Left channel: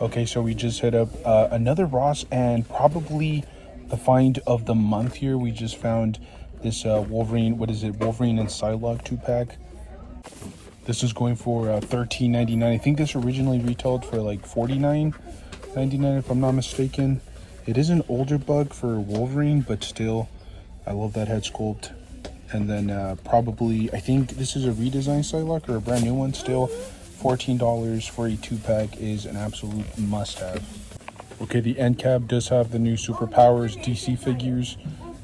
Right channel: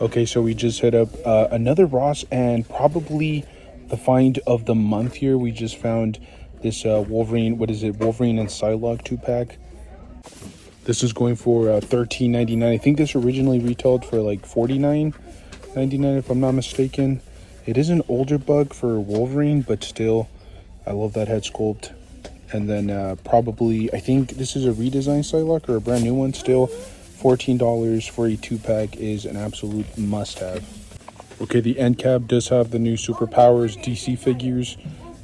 Okay, so we just hit up another Ross and probably the find of the month here. We just found this Wolverine, what is it? Wolverine and Psylocke 2-pack. This is going for $13.99. I think this originally retailed for like $49.99 if I'm not mistaken. It is an older bug for Wolverine, but still, I love that head sculpt. And then probably, I think this is a redesigned Psylocke or a brand new one still. $14 for a 2-pack is an absolute must-have. Okay, the end cap does have the new Superpowers DC figures.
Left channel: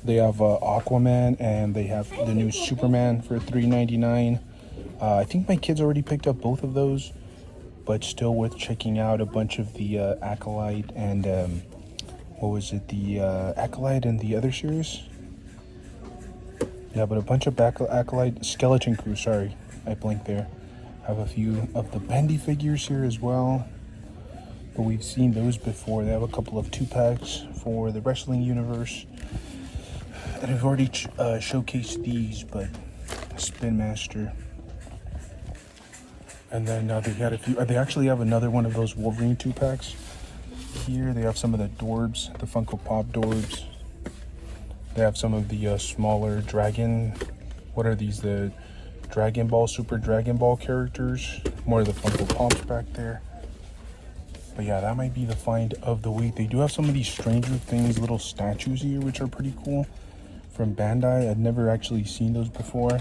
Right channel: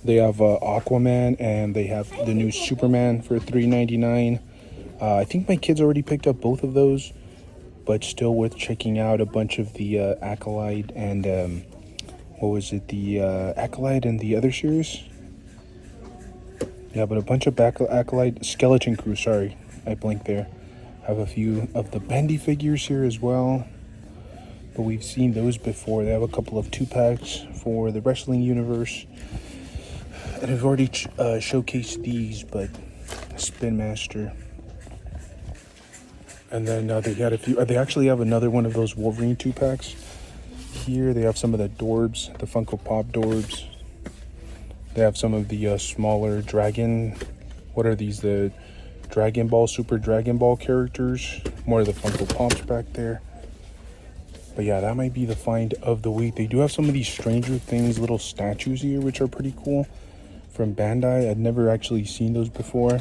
They have Aquaman and they have the new Superman for $3.99. I think my kids already picked up both of those, but still worth checking out a bunch of the Acolyte and what was it? The Acolyte and the other series. Yeah, but a bunch of Acolyte Skeleton Crew. Sorry, I blinked there. Have a few of the Bendy figures here as well, but we've seen those before. They have a couple of 2-packs for the wrestling universe, and I've already showcased these, but Spin Master. And then they had a few. They actually have another one of those Wolverine 2-packs here. They have some of the Dorbs, the Funko Pop Dorbs. They have some of the smaller Dragon. What are these? The Dragon Ball, Super Dragon Ball characters. More of the Funko Pops back there. But yeah, that might be the find of the week. They do have some of these Stranger Things little statues here, which are pretty cool. From Bandai. I'd never actually seen those before.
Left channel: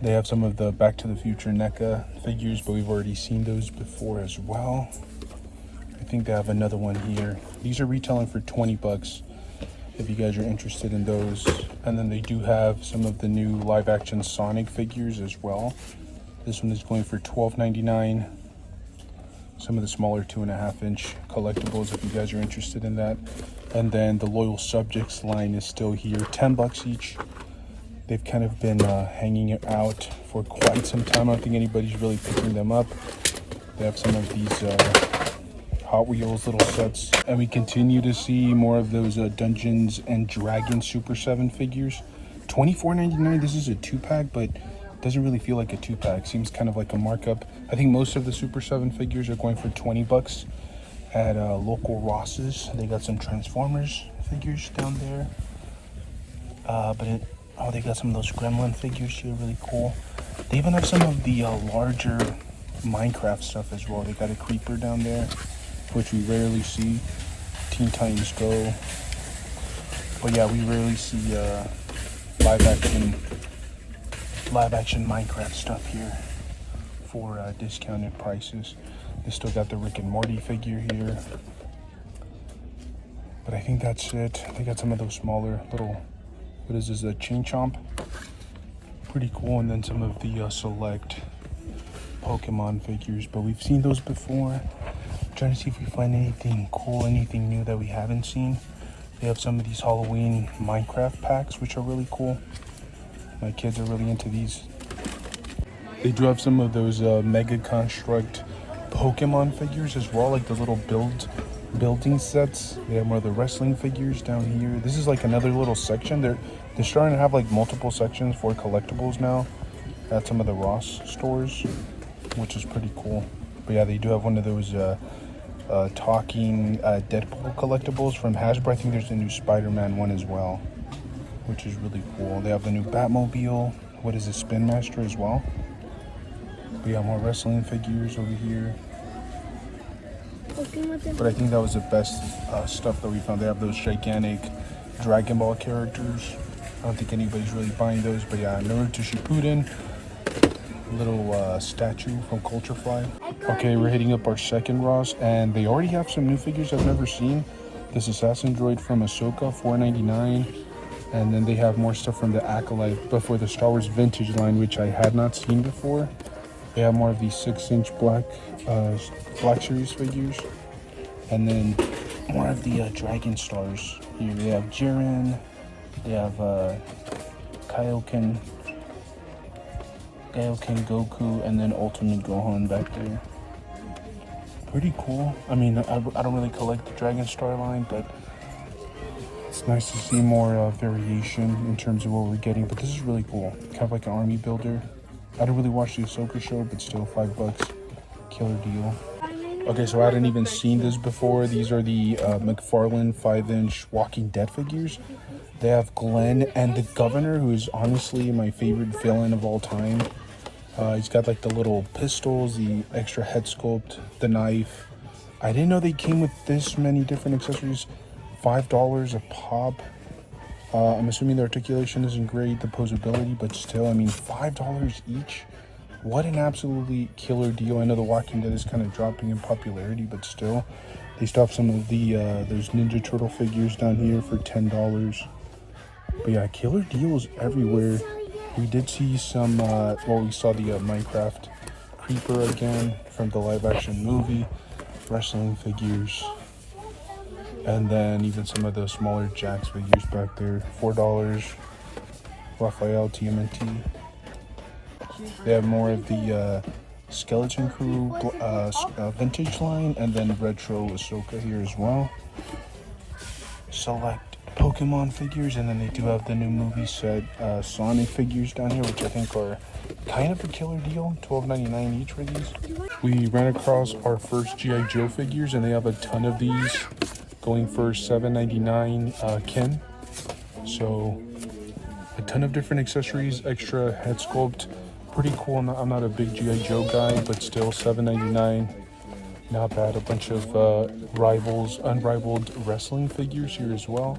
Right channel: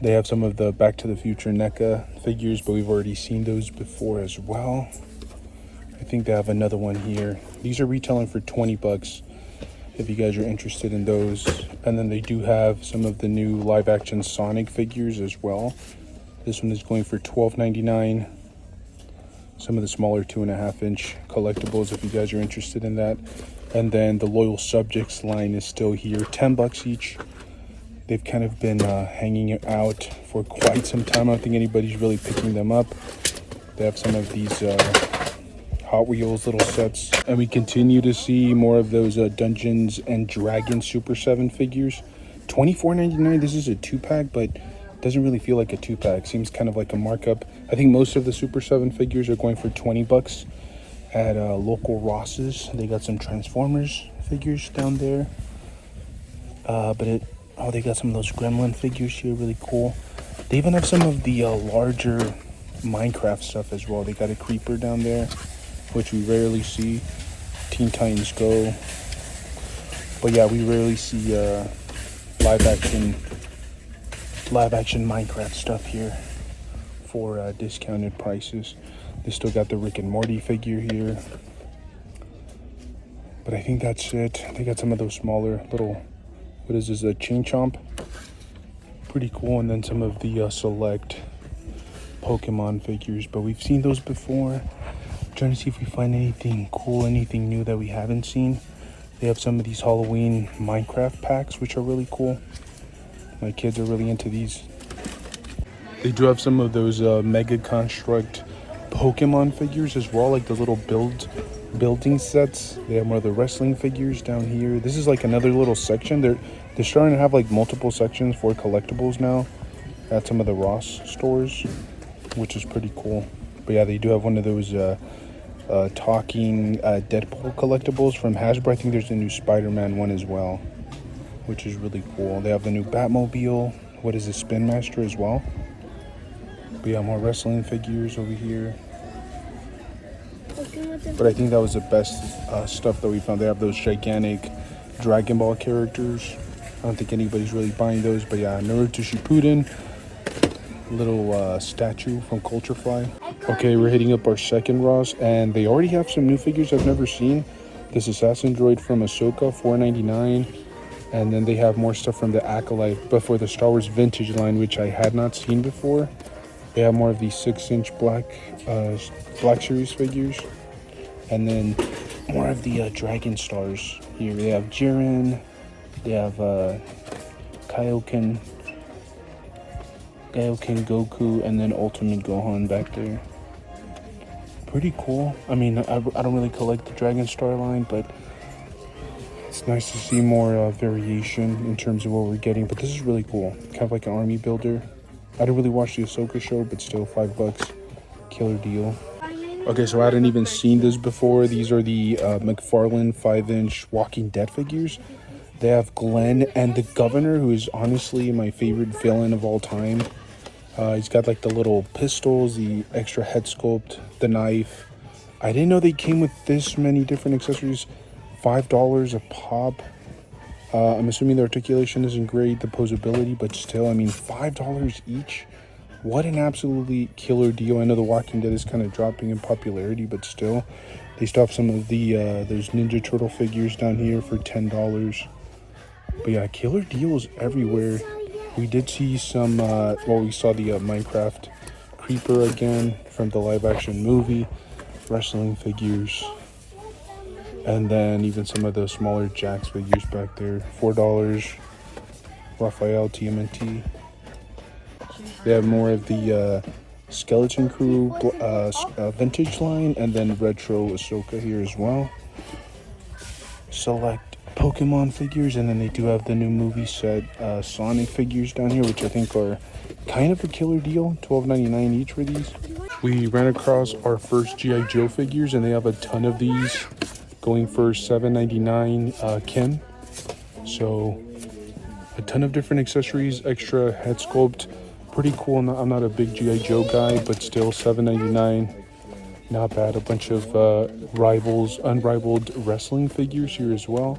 They have some of the Back to the Future NECA figures, but we've already seen those before as well. I think they have another one here. These are retailing for 20 bucks if you guys are interested in those. And then they do have some of the new live action Sonic figures as well. This one is going for $12.99. Some of the smaller 2.5-inch collectibles if you guys are interested in that. And then the Loyal Subjects line is still here, 10 bucks each. They've kind of been hanging out for quite some time. I don't think anybody's really picking them up. They have some of these Hot Wheels little sets. And we continue to see more of those Dungeons and Dragons Super 7 figures. $24.99. This is a 2-pack, but doesn't really feel like a 2-pack. Seems kind of like a markup. I think most of the Super 7 figures are going for 20 bucks at local Rosses. They got some Transformers figures down there. Oh, they got some of those Gremlin figures here, really cool. They even have some of the larger Minecraft stuff as well. They got a Creeper down there, which we rarely see. Teen Titans Go. But yeah, we rarely see live action Minecraft stuff here for discounted prices. They still got the Rick and Morty figure here. But I think that's it. They got some of those smaller little, what is this, a Ching Chomp? Pretty cool. And then some of the select Pokemon figures, but we've seen those before. Trying to see if we find anything cool, anything new that we haven't seen. They have some of these Halloween Minecraft packs, which are really cool. My kids are really into these. They do have some of those Mega Construct Pokemon figures as well, like the little building sets. They have more of the wrestling figures down here. This is like another little section. They're starting to have like multiple sections for collectibles now at some of the Ross stores, which is pretty cool. But yeah, they do have one of those talking Deadpool collectibles from Hasbro. I think there's a new Spider-Man one as well, which is really cool. They have the new Batmobile. What is it, Spin Master as well. But yeah, more wrestling figures over here. But I think that was the best stuff that we found. They have those gigantic Dragon Ball characters. I don't think anybody's really buying those. But yeah, Naruto Shippuden. Little statue from Culture Fly. Okay, we're hitting up our second Ross, and they already have some new figures I've never seen. This Assassin Droid from Ahsoka, $4.99. And then they have more stuff from the Acolyte, but for the Star Wars Vintage line, which I had not seen before. They have more of these 6-inch Black Series figures. And then more of the Dragon Stars here. They have Jiren. They have Kaioken Goku, and then Ultimate Gohan back there. Pretty cool. I mean, I don't really collect the Dragon Star line, but it's nice to see more variation in terms of what we're getting. But this is really cool. Kind of like an army builder. I didn't really watch the Ahsoka show, but still $5. Killer deal. Okay, so I hadn't even seen this before. These are the McFarlane 5-inch Walking Dead figures. They have Glenn and the Governor, who is honestly my favorite villain of all time. He's got like the little pistols, the extra head sculpt, the knife. I didn't know they came with this many different accessories. $5 a pop. I'm assuming the articulation isn't great, the posability, but still, I mean, $5 each. What an absolutely killer deal. I know The Walking Dead is kind of dropping in popularity, but still, they still have some of the those Ninja Turtle figures down here for $10. But yeah, killer deals everywhere. We did see some, we saw the Minecraft Creeper again from the live action movie, wrestling figures, and then even some of the smaller Jacks figures back there. $4, Raphael TMNT. They have more of the Skeleton Crew vintage line, and then retro Ahsoka here as well. Select Pokemon figures, and then they do have the new movie set Sonic figures down here, which I think are kind of a killer deal. $12.99 each for these. We ran across our first G.I. Joe figures, and they have a ton of these going for $7.99 Ken. So a ton of different accessories, extra head sculpt. Pretty cool. I'm not a big G.I. Joe guy, but still $7.99. Not bad. A bunch of unrivaled wrestling figures here as well.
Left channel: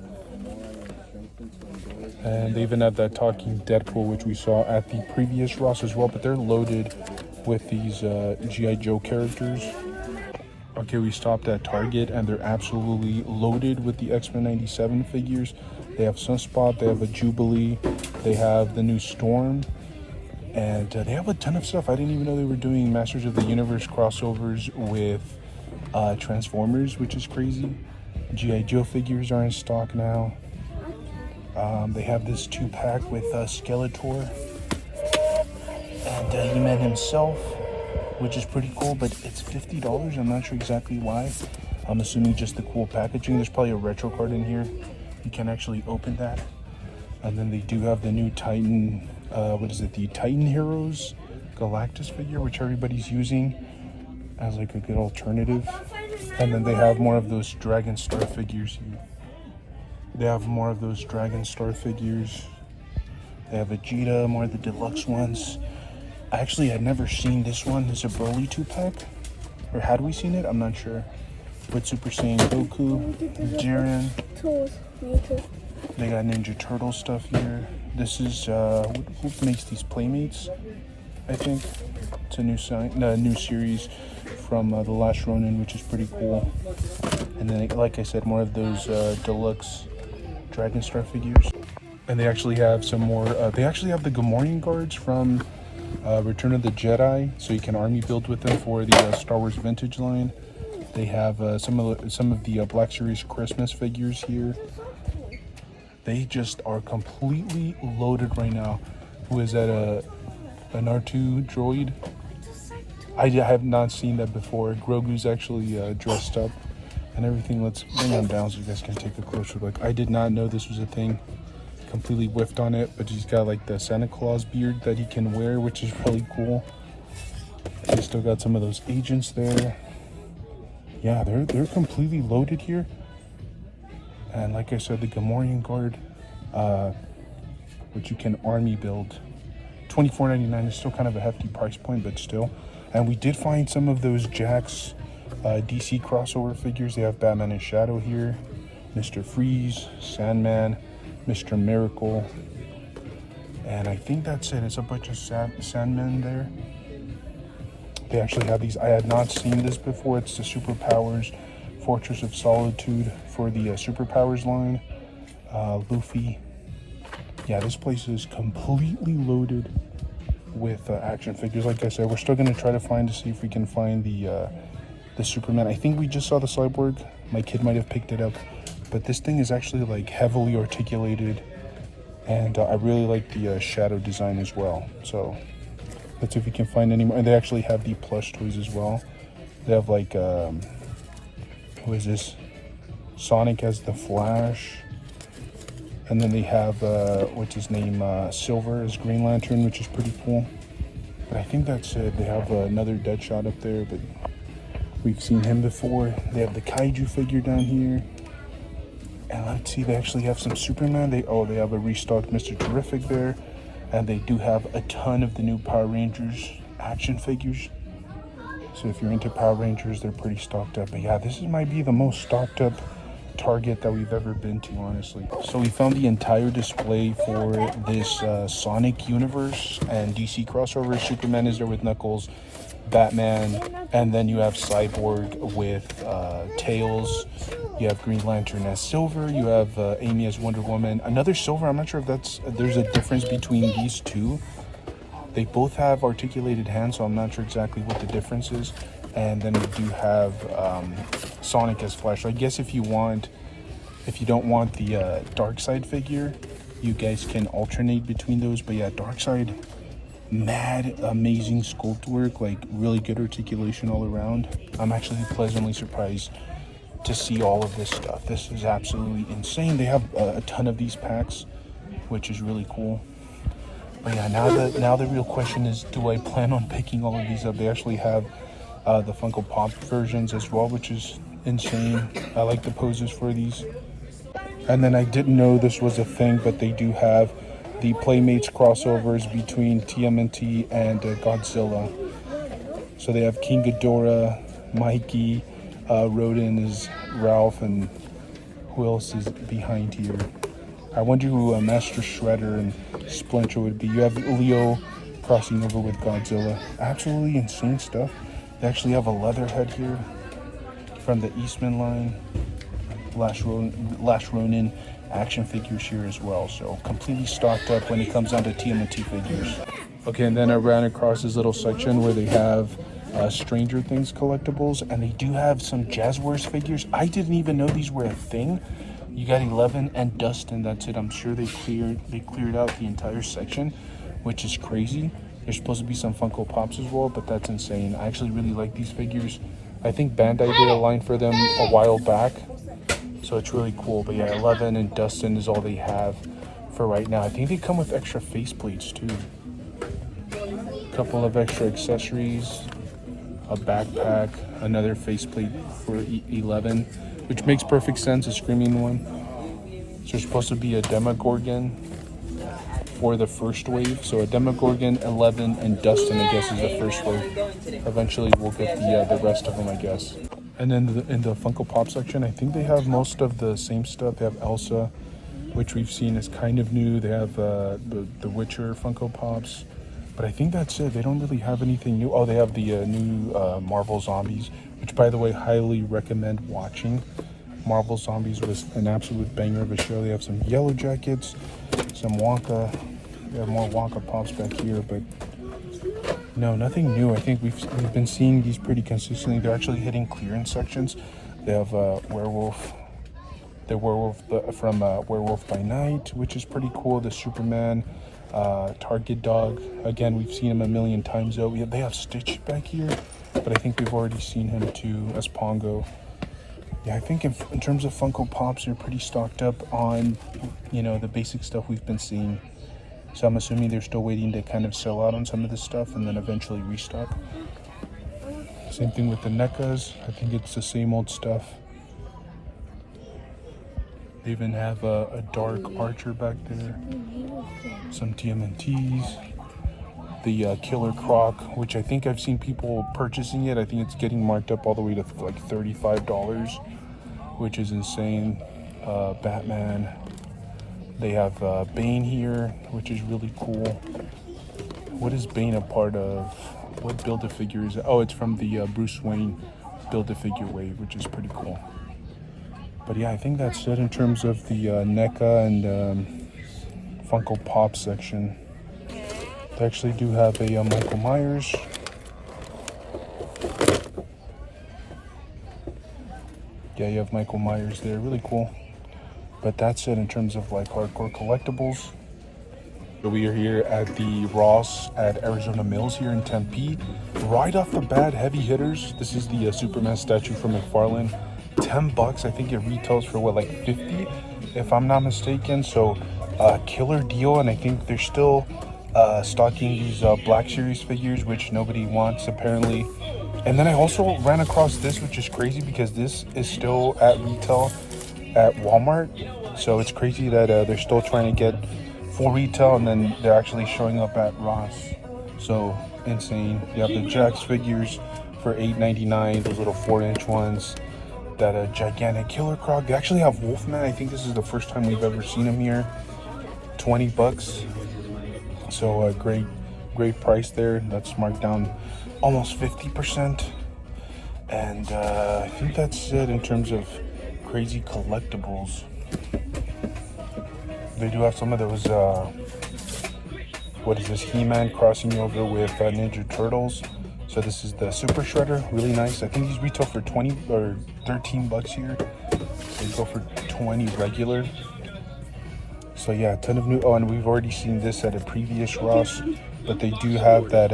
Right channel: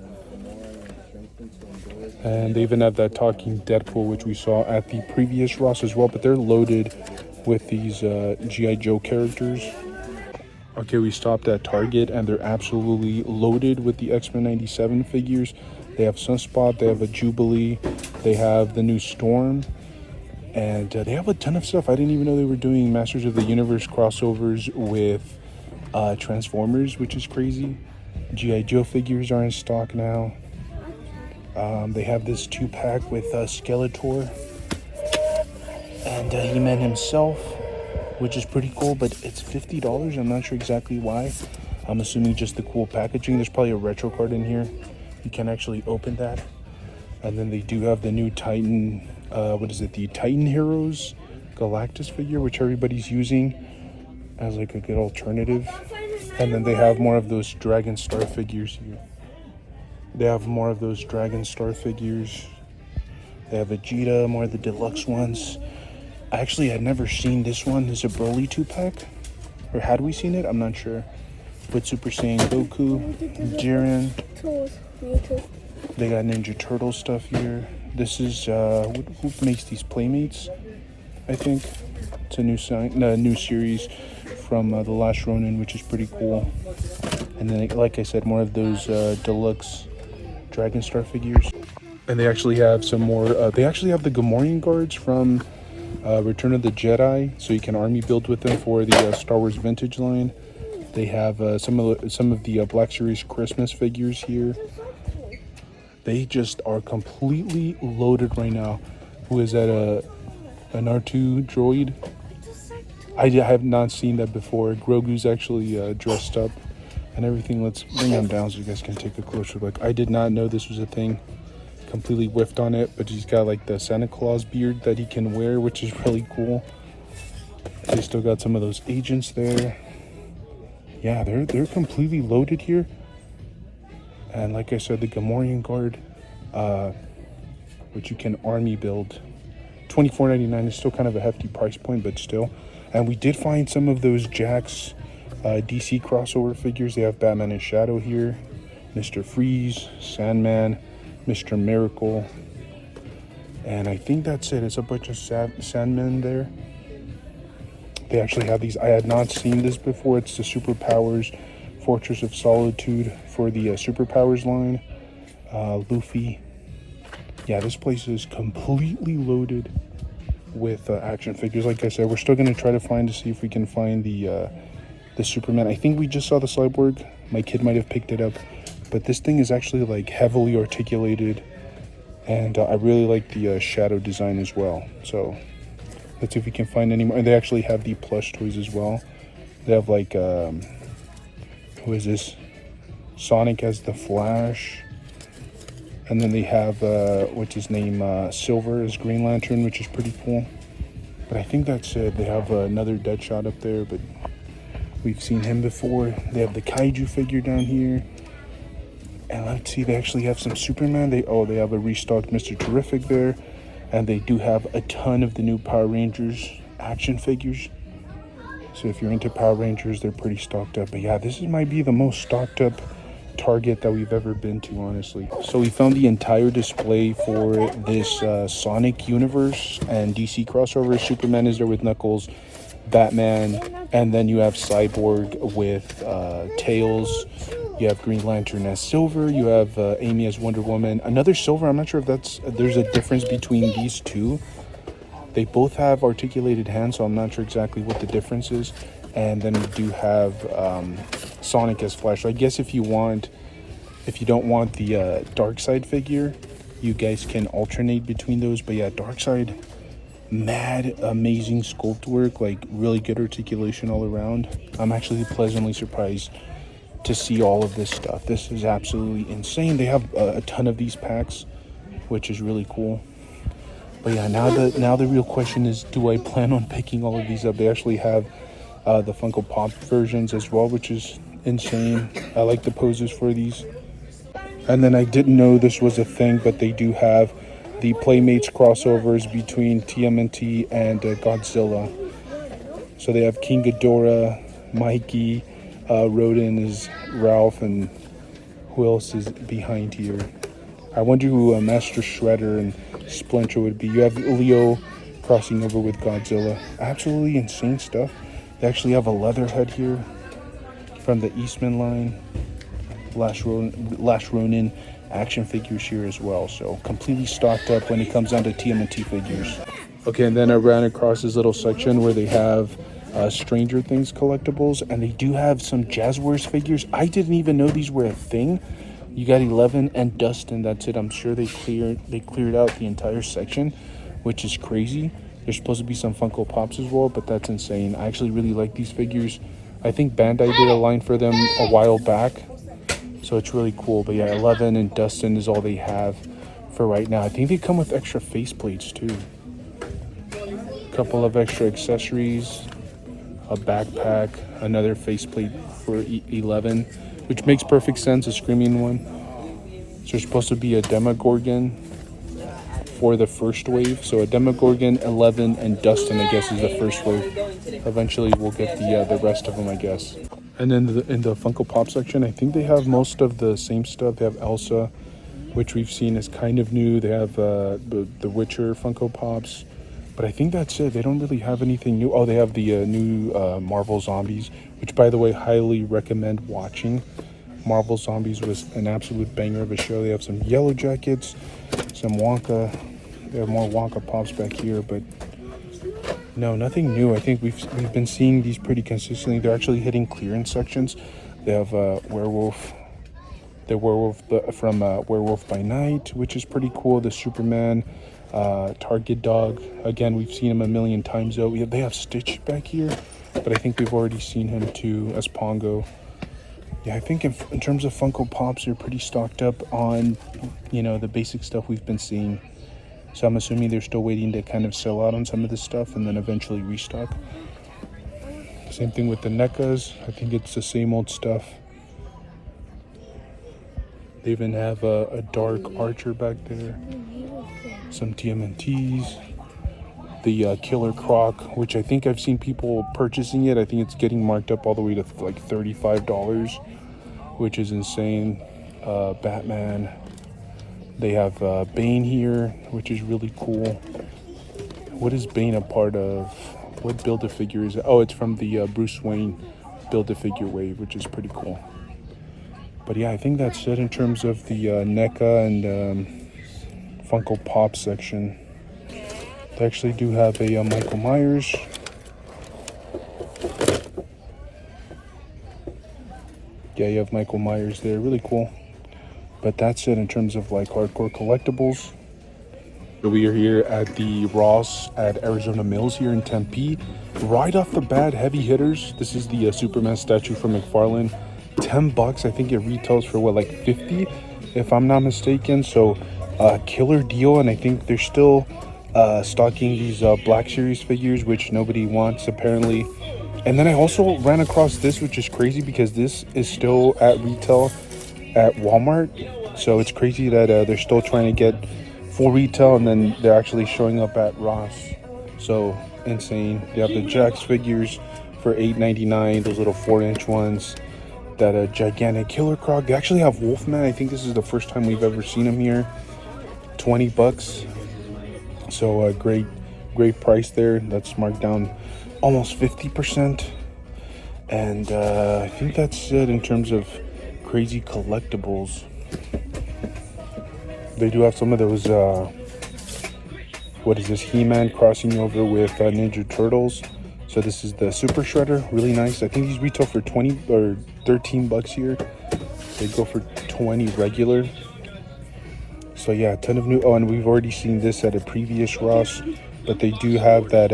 And they even have that talking Deadpool, which we saw at the previous Ross as well, but they're loaded with these G.I. Joe characters. Okay, we stopped at Target, and they're absolutely loaded with the X-Men 97 figures. They have Sunspot, they have a Jubilee, they have the new Storm, and they have a ton of stuff. I didn't even know they were doing Masters of the Universe crossovers with Transformers, which is crazy. G.I. Joe figures are in stock now. They have this 2-pack with Skeletor and He-Man himself, which is pretty cool, but it's $50. I'm not sure exactly why. I'm assuming just the cool packaging. There's probably a retro card in here. You can actually open that. And then they do have the new Titan, the Titan Heroes Galactus figure, which everybody's using as like a good alternative. And then they have more of those Dragon Star figures here. They have more of those Dragon Star figures. They have Vegeta, more of the deluxe ones. Actually, I'd never seen this one. There's a Broly 2-pack. Or had we seen it? I'm not sure. With Super Saiyan Goku, Jiren. They got Ninja Turtle stuff here. This is, who makes these Playmates? I think. It's a new series from The Last Ronin, which is pretty cool. And then, like I said, more of those deluxe Dragon Star figures. And they actually have some more, they actually have the Gamorrean guards from Return of the Jedi, so you can army build with them for the Star Wars vintage line. They have some of the Black Series Christmas figures here. They just are completely loaded right now. Who is that? An R2 droid? I have not seen that before. Grogu's actually dressed up and everything. Let's bring him down so you guys can take a closer look. I did not know this was a thing. Completely whiffed on it, but he's got like the Santa Claus beard that he can wear, which is really cool. They still got some of those agents there. Yeah, they're completely loaded here. And like I said, the Gamorrean guard, which you can army build. $24.99 is still kind of a hefty price point, but still. And we did find some of those Jax DC crossover figures. They have Batman and Shadow here, Mr. Freeze, Sandman, Mr. Miracle, and I think that's it. It's a bunch of Sandmen there. They actually have these. I had not seen this before. It's the Superpowers Fortress of Solitude for the Superpowers line. Luffy. Yeah, this place is completely loaded with action figures. Like I said, we're still going to try to see if we can find the Superman. I think we just saw the Cyborg. My kid might have picked it up. But this thing is actually like heavily articulated, and I really like the shadow design as well. So let's see if we can find any more. And they actually have the plush toys as well. They have like, who is this? Sonic as the Flash. And then they have, what's his name? Silver as Green Lantern, which is pretty cool. But I think that's it. They have another Deadshot up there, but We've seen him before. They have the Kaiju figure down here. And let's see, they actually have some Superman. They have a restocked Mr. Terrific there. And they do have a ton of the new Power Rangers action figures. So if you're into Power Rangers, they're pretty stocked up. But yeah, this might be the most stocked up Target that we've ever been to, honestly. So we found the entire display for this Sonic universe and DC crossover. Superman is there with Knuckles, Batman, and then you have Cyborg with Tails. You have Green Lantern as Silver. You have Amy as Wonder Woman. Another Silver. I'm not sure if there's a difference between these two. They both have articulated hands, so I'm not sure exactly what the difference is. And then we do have Sonic as Flash. So I guess if you don't want the Darkseid figure, you guys can alternate between those. But yeah, Darkseid, mad amazing sculpt work, like really good articulation all around. I'm actually pleasantly surprised to see all of this stuff. This is absolutely insane. They have a ton of these packs, which is really cool. But yeah, now the real question is, do I plan on picking all of these up? They actually have the Funko Pop versions as well, which is insane. I like the poses for these. And then I didn't know this was a thing, but they do have the Playmates crossovers between TMNT and Godzilla. So they have King Ghidorah, Mikey, Rodin is Ralph, and who else is behind here? I wonder who Master Shredder and Splinter would be. You have Leo crossing over with Godzilla. Absolutely insane stuff. They actually have a Leatherhead here from the Eastman line. Last Ronin action figures here as well. So completely stocked up when it comes down to TMNT figures. Okay, and then I ran across this little section where they have Stranger Things collectibles, and they do have some Jazzwares figures. I didn't even know these were a thing. You got 11 and Dustin, that's it. I'm sure they cleared out the entire section, which is crazy. There's supposed to be some Funko Pops as well, but that's insane. I actually really like these figures. I think Bandai did a line for them a while back, so it's really cool. But yeah, 11 and Dustin is all they have for right now. I think they come with extra faceplates too. A couple of extra accessories, a backpack, another faceplate for 11, which makes perfect sense, a screaming one. So there's supposed to be a Demogorgon for the first wave. So a Demogorgon, 11, and Dustin, I guess, is the first wave. Eventually we'll get the rest of them, I guess. And then in the Funko Pop section, I think they have most of the same stuff. They have Elsa, which we've seen is kind of new. They have the Witcher Funko Pops. But I think that's it. They don't really have anything new. Oh, they have the new Marvel Zombies, which, by the way, highly recommend watching. Marvel Zombies was an absolute banger of a show. They have some Yellow Jackets, some Wonka. We have more Wonka Pops back here, but no, nothing new. I think we've been seeing these pretty consistently. They're actually hitting clearance sections. They have Werewolf, the Werewolf from Werewolf by Night, which is pretty cool. The Superman. Target Dog, again, we've seen him a million times though. They have Stitch back here, but I think we've already seen him too as Pongo. Yeah, I think in terms of Funko Pops, they're pretty stocked up on, the basic stuff we've been seeing. So I'm assuming they're still waiting to kind of sell out on some of this stuff and then eventually restock. Same thing with the NECAs. I think it's the same old stuff. They even have a Dark Archer back there. Some TMNTs. The Killer Croc, which I think I've seen people purchasing it. I think it's getting marked up all the way to like $35, which is insane. Batman. They have Bane here, which is really cool. What is Bane a part of? What Build-A-Figure is it? Oh, it's from the Bruce Wayne Build-A-Figure wave, which is pretty cool. But yeah, I think that's it in terms of the NECA and Funko Pop section. They actually do have a Michael Myers. Yeah, you have Michael Myers there. Really cool. But that's it in terms of like hardcore collectibles. We are here at the Ross at Arizona Mills here in Tempe. Right off the bat, heavy hitters. This is the Superman statue from McFarlane. $10. I think it retails for what, like 50, if I'm not mistaken. So killer deal. And I think they're still stocking these Black Series figures, which nobody wants apparently. And then I also ran across this, which is crazy because this is still at retail at Walmart. So it's crazy that they're still trying to get full retail, and then they're actually showing up at Ross. So insane. They have the Jax figures for $8.99, those little 4-inch ones. That gigantic Killer Croc. They actually have Wolfman. I think this is the first time we've ever seen him here. $20. So great price there. That's marked down almost 50%. And I think that's it in terms of crazy collectibles. They do have some of those, what is this, He-Man crossing over with Ninja Turtles. So this is the Super Shredder, really nice. I think these retail for 20 or 13 bucks here. They go for 20 regular. So yeah, a ton of new, oh, and we've already seen this at a previous Ross, but they do have that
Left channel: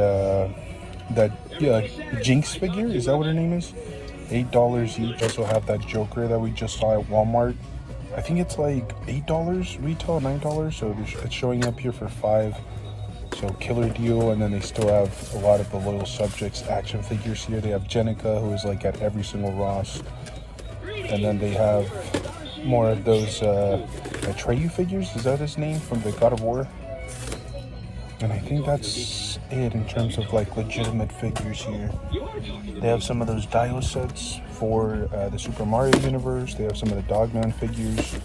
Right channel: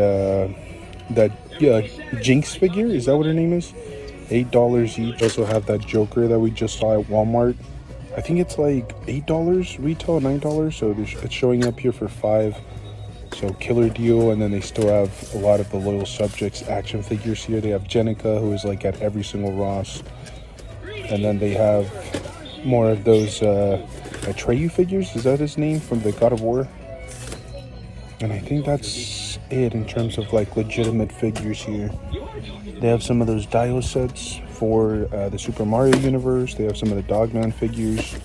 Jinx figure, is that what her name is? $8 each. Also have that Joker that we just saw at Walmart. I think it's like $8 retail, $9, so it's showing up here for $5. So killer deal. And then they still have a lot of the Loyal Subjects action figures here. They have Jenica, who is like at every single Ross. And then they have more of those Atreyu figures, is that his name, from the God of War? And I think that's it in terms of like legitimate figures here. They have some of those Dio sets for the Super Mario universe. They have some of the Dogman figures.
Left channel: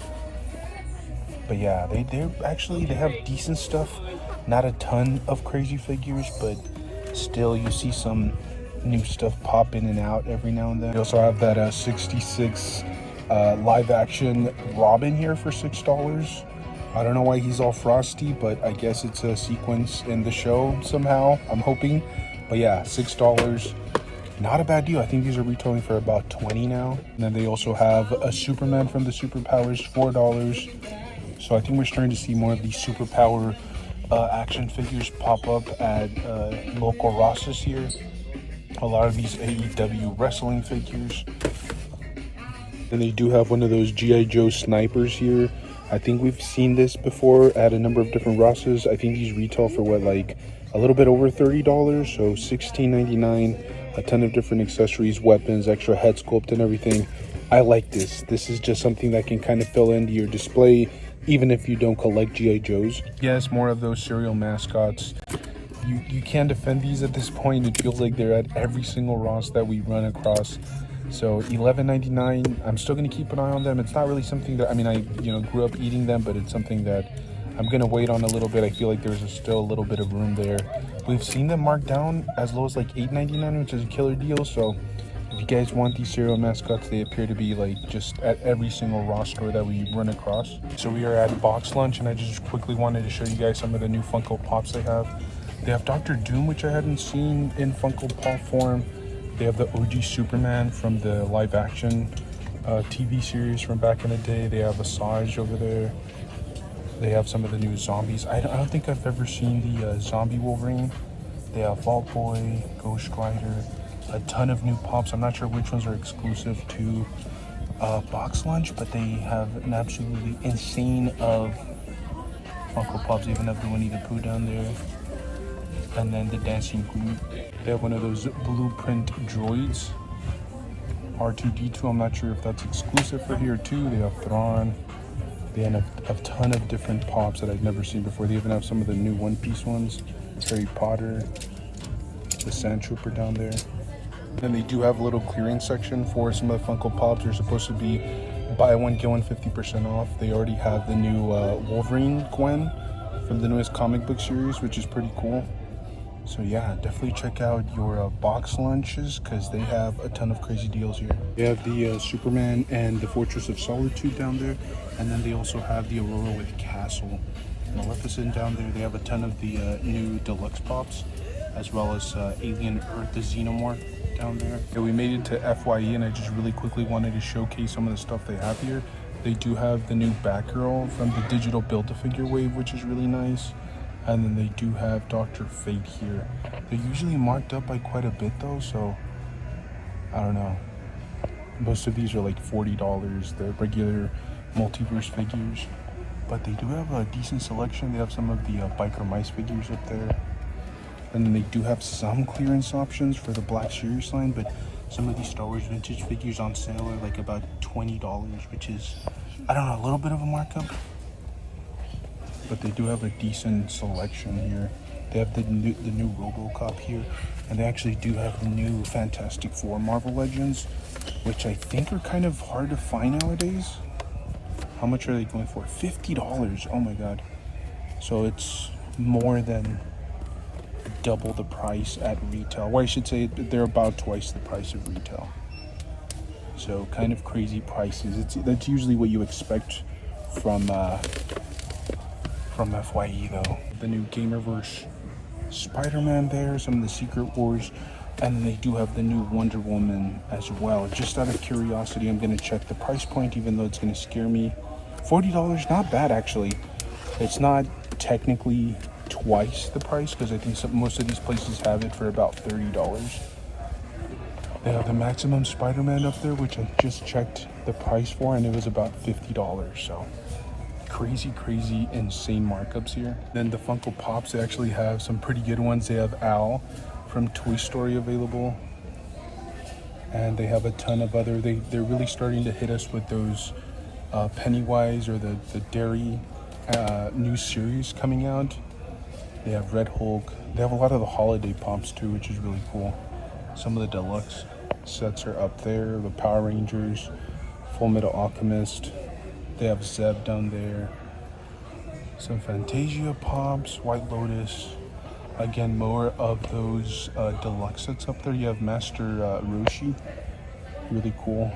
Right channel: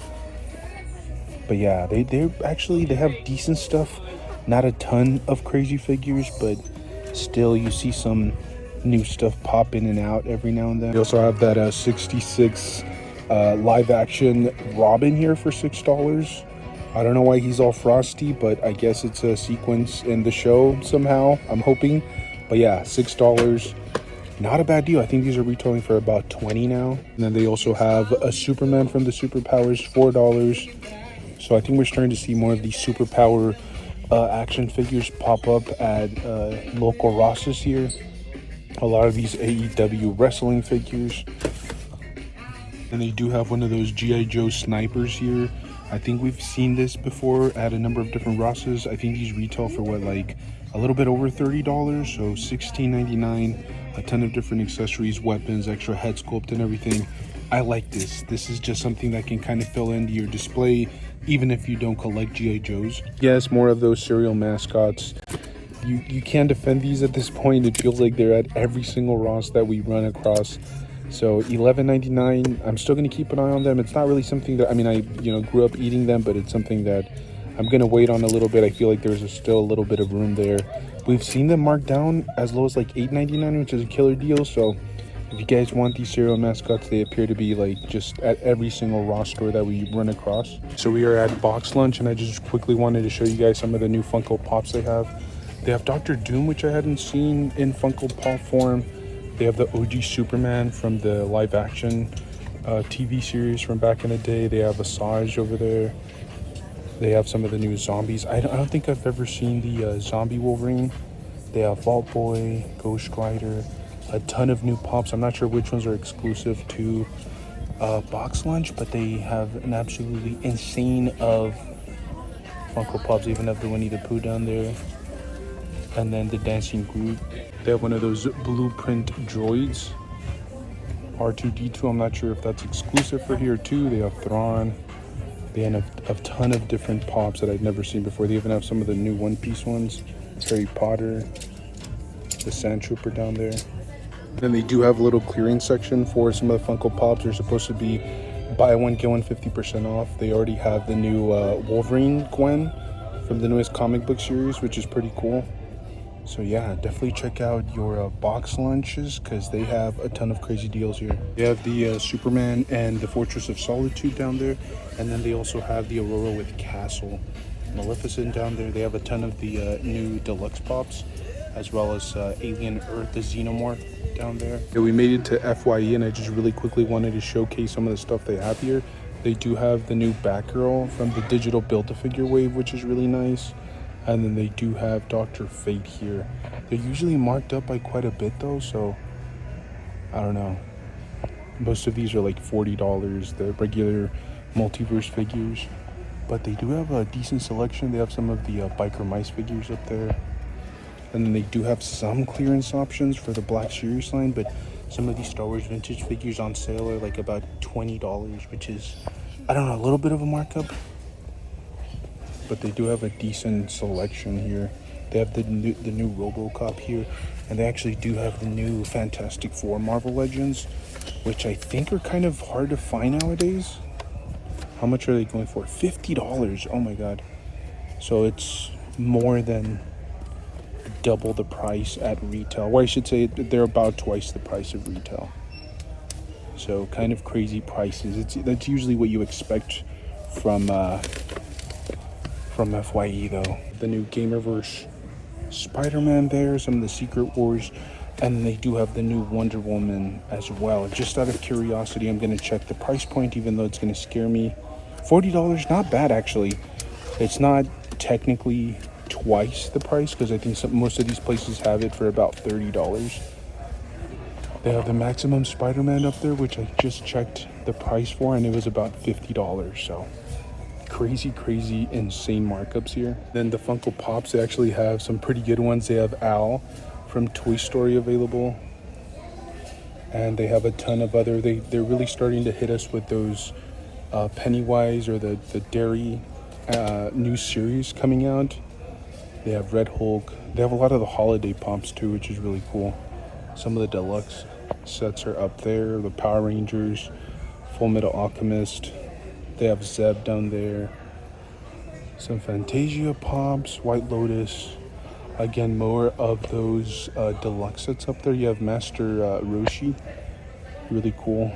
But yeah, they have decent stuff. Not a ton of crazy figures, but still you see some new stuff pop in and out every now and then. We also have that 66 live action Robin here for $6. I don't know why he's all frosty, but I guess it's a sequence in the show somehow, I'm hoping. But yeah, $6. Not a bad deal. I think these are retailing for about $20 now. And then they also have a Superman from the Superpowers, $4. So I think we're starting to see more of these Superpower action figures pop up at local Rosses here. A lot of these AEW wrestling figures. And they do have one of those G.I. Joe snipers here. I think we've seen this before at a number of different Rosses. I think these retail for what, like a little bit over $30, so $16.99. A ton of different accessories, weapons, extra head sculpt and everything. I like this. This is just something that can kind of fill into your display, even if you don't collect G.I. Joes. Yes, more of those serial mascots. You can't defend these at this point. It feels like they're at every single Ross that we run across. So $11.99. I'm still gonna keep an eye on them. It's not really something that, I mean, I grew up eating them, but it's something that I'm gonna wait on a little bit. I feel like there's still a little bit of room there. We've seen them marked down as low as like $8.99, which is a killer deal. So if you guys want these cereal mascots, they appear to be like just at every single Ross store that we run across. So we are at Box Lunch, and I just quickly wanted to show you guys some of the new Funko Pops they have. They have Dr. Doom, which I hadn't seen in Funko Pop form. They have the OG Superman from the live action TV series from back in the day. They have Asajj over there. They have some of the new zombies. I don't think I've ever seen the zombie Wolverine. They have Vault Boy, Ghost Rider, a ton of new pops. I'm not sure which ones are exclusive to Box Lunch, but they have an absolutely insane of Funko Pops. They even have the Winnie the Pooh down there. And then the Dancing Groot. They have one of those blueprint droids. R2-D2, I'm not sure if that's exclusive for here too. They have Thrawn. They have a ton of different pops that I've never seen before. They even have some of the new One Piece ones. Harry Potter. The Sand Trooper down there. Then they do have a little clearance section for some of the Funko Pops. They're supposed to be buy one, get one 50% off. They already have the new Wolverine Gwen from the newest comic book series, which is pretty cool. So yeah, definitely check out your Box Lunches because they have a ton of crazy deals here. They have the Superman and the Fortress of Solitude down there, and then they also have the Aurora with Castle. Maleficent down there. They have a ton of the new deluxe pops, as well as Alien Earth, the Xenomorph down there. Yeah, we made it to FYE, and I just really quickly wanted to showcase some of the stuff they have here. They do have the new Batgirl from the digital Build-A-Figure wave, which is really nice. And then they do have Dr. Fate here. They're usually marked up by quite a bit though, so I don't know. Most of these are like $40, the regular multiverse figures. But they do have a decent selection. They have some of the Biker Mice figures up there. And then they do have some clearance options for the Black Series line, but some of these Star Wars vintage figures on sale are like about $20, which is, I don't know, a little bit of a markup. But they do have a decent selection here. They have the new RoboCop here, and they actually do have the new Fantastic Four Marvel Legends, which I think are kind of hard to find nowadays. How much are they going for? $50. Oh my god. So it's more than double the price at retail. Or I should say they're about twice the price of retail. So kind of crazy prices. That's usually what you expect from FYE though. The new Gamerverse Spider-Man there, some of the Secret Wars, and they do have the new Wonder Woman as well. Just out of curiosity, I'm going to check the price point, even though it's going to scare me. $40, not bad actually. It's not technically twice the price, because I think most of these places have it for about $30. They have the Maximum Spider-Man up there, which I just checked the price for, and it was about $50. So crazy, insane markups here. Then the Funko Pops, they actually have some pretty good ones. They have Al from Toy Story available, and they have a ton of other. They're really starting to hit us with those Pennywise or the Dairy new series coming out. They have Red Hulk. They have a lot of the holiday pomps too, which is really cool. Some of the deluxe sets are up there. The Power Rangers, Full Metal Alchemist. They have Zeb down there. Some Fantasia pops, White Lotus. Again, more of those deluxe sets up there. You have Master Roshi, really cool.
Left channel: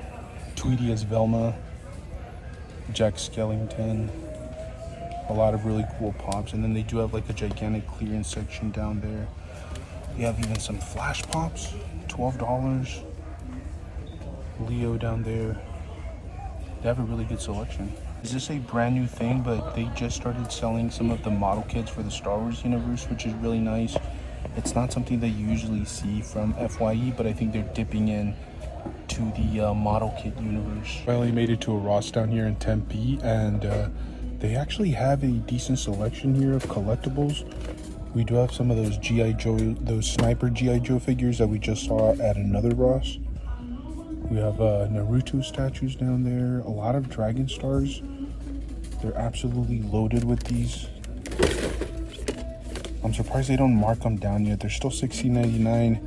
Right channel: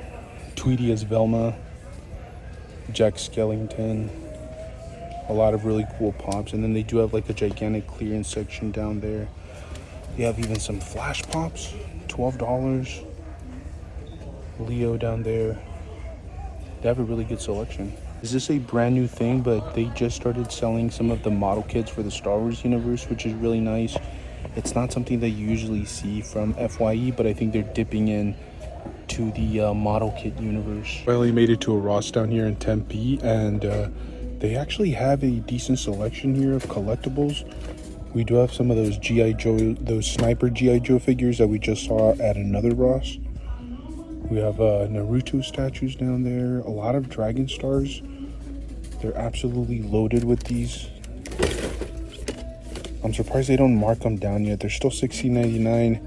Tweety as Velma. Jack Skellington. A lot of really cool pops. And then they do have like a gigantic clearance section down there. They have even some Flash pops, $12. Leo down there. They have a really good selection. Is this a brand new thing? But they just started selling some of the model kits for the Star Wars universe, which is really nice. It's not something that you usually see from FYE, but I think they're dipping in to the model kit universe. Finally made it to a Ross down here in Tempe, and they actually have a decent selection here of collectibles. We do have some of those G.I. Joe, those sniper G.I. Joe figures that we just saw at another Ross. We have Naruto statues down there, a lot of Dragon Stars. They're absolutely loaded with these. I'm surprised they don't mark them down yet. They're still $16.99.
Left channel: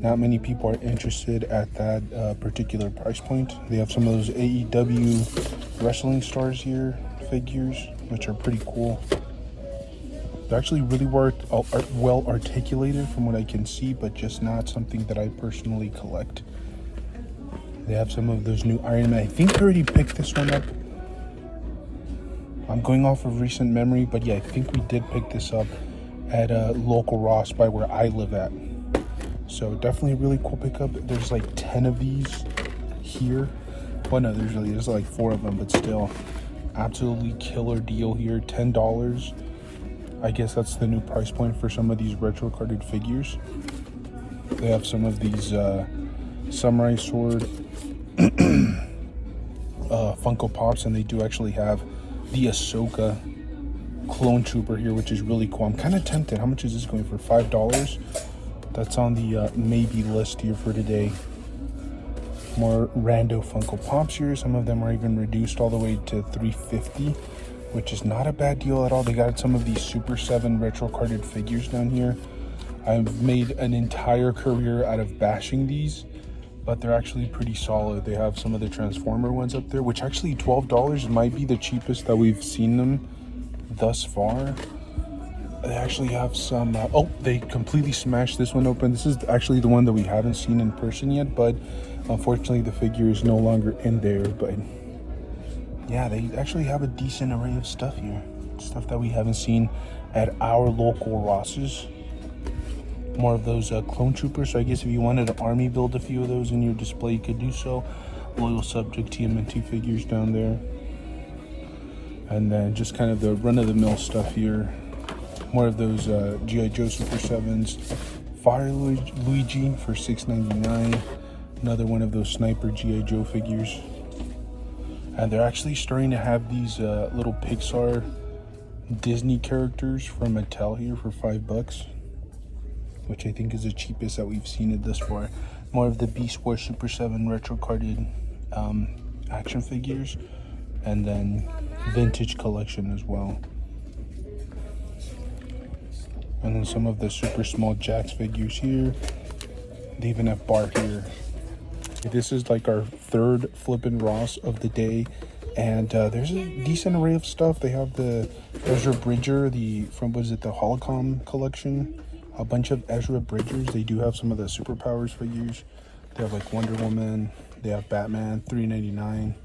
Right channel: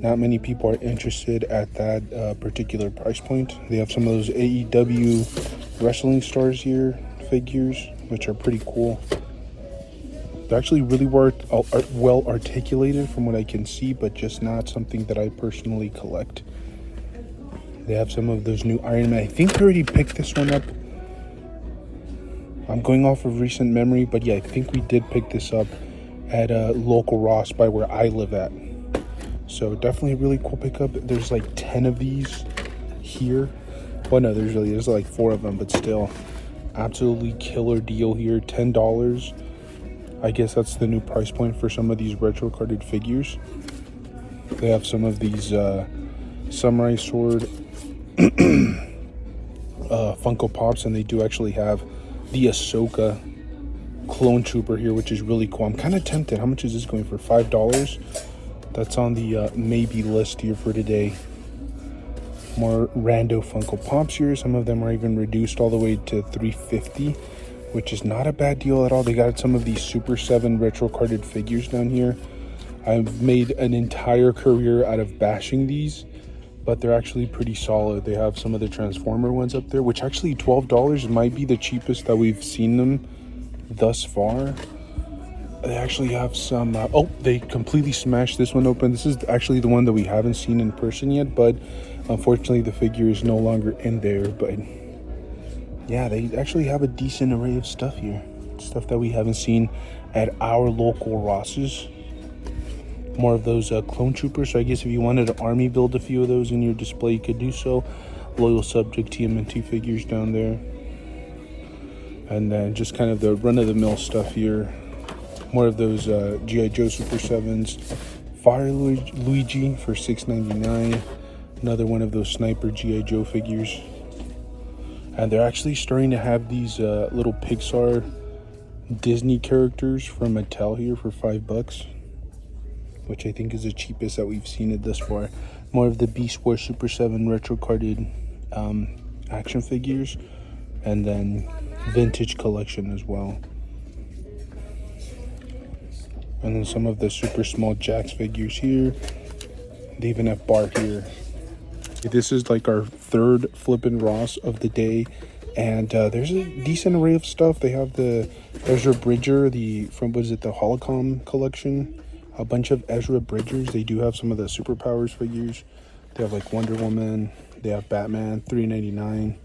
Not many people are interested at that particular price point. They have some of those AEW wrestling stars here, figures, which are pretty cool. They're actually really well articulated from what I can see, but just not something that I personally collect. They have some of those new Iron Man. I think I already picked this one up. I'm going off of recent memory, but yeah, I think we did pick this up at a local Ross by where I live at. So definitely a really cool pickup. There's like 10 of these here. Well, no, there's like 4 of them, but still, absolutely killer deal here. $10. I guess that's the new price point for some of these retro carded figures. They have some of these Samurai Sword Funko Pops, and they do actually have the Ahsoka Clone Trooper here, which is really cool. I'm kind of tempted. How much is this going for? $5? That's on the maybe list here for today. More rando Funko Pops here. Some of them are even reduced all the way to $3.50, which is not a bad deal at all. They got some of these Super 7 retro carded figures down here. I've made an entire career out of bashing these, but they're actually pretty solid. They have some of the Transformer ones up there, which actually $12 might be the cheapest that we've seen them thus far. They actually have some, oh, they completely smashed this one open. This is actually the one that we haven't seen in person yet, but unfortunately the figure is no longer in there. But yeah, they actually have a decent array of stuff here. Stuff that we haven't seen at our local Rosses. More of those clone troopers. So I guess if you wanted to army build a few of those in your display, you could do so. Loyal Subject TMNT figures down there. And then just kind of the run-of-the-mill stuff here. More of those G.I. Joe Super 7s. Fire Luigi for $6.99. Another one of those sniper G.I. Joe figures. And they're actually starting to have these little Pixar Disney characters from Mattel here for $5. which I think is the cheapest that we've seen it thus far. More of the Beast Wars Super 7 retro carded action figures, and then vintage collection as well. And then some of the super small Jax figures here. They even have Bar here. This is like our third flippin' Ross of the day, and there's a decent array of stuff. They have the Ezra Bridger, the Holocom collection. A bunch of Ezra Bridgers. They do have some of the superpowers figures. They have like Wonder Woman. They have Batman, $3.99,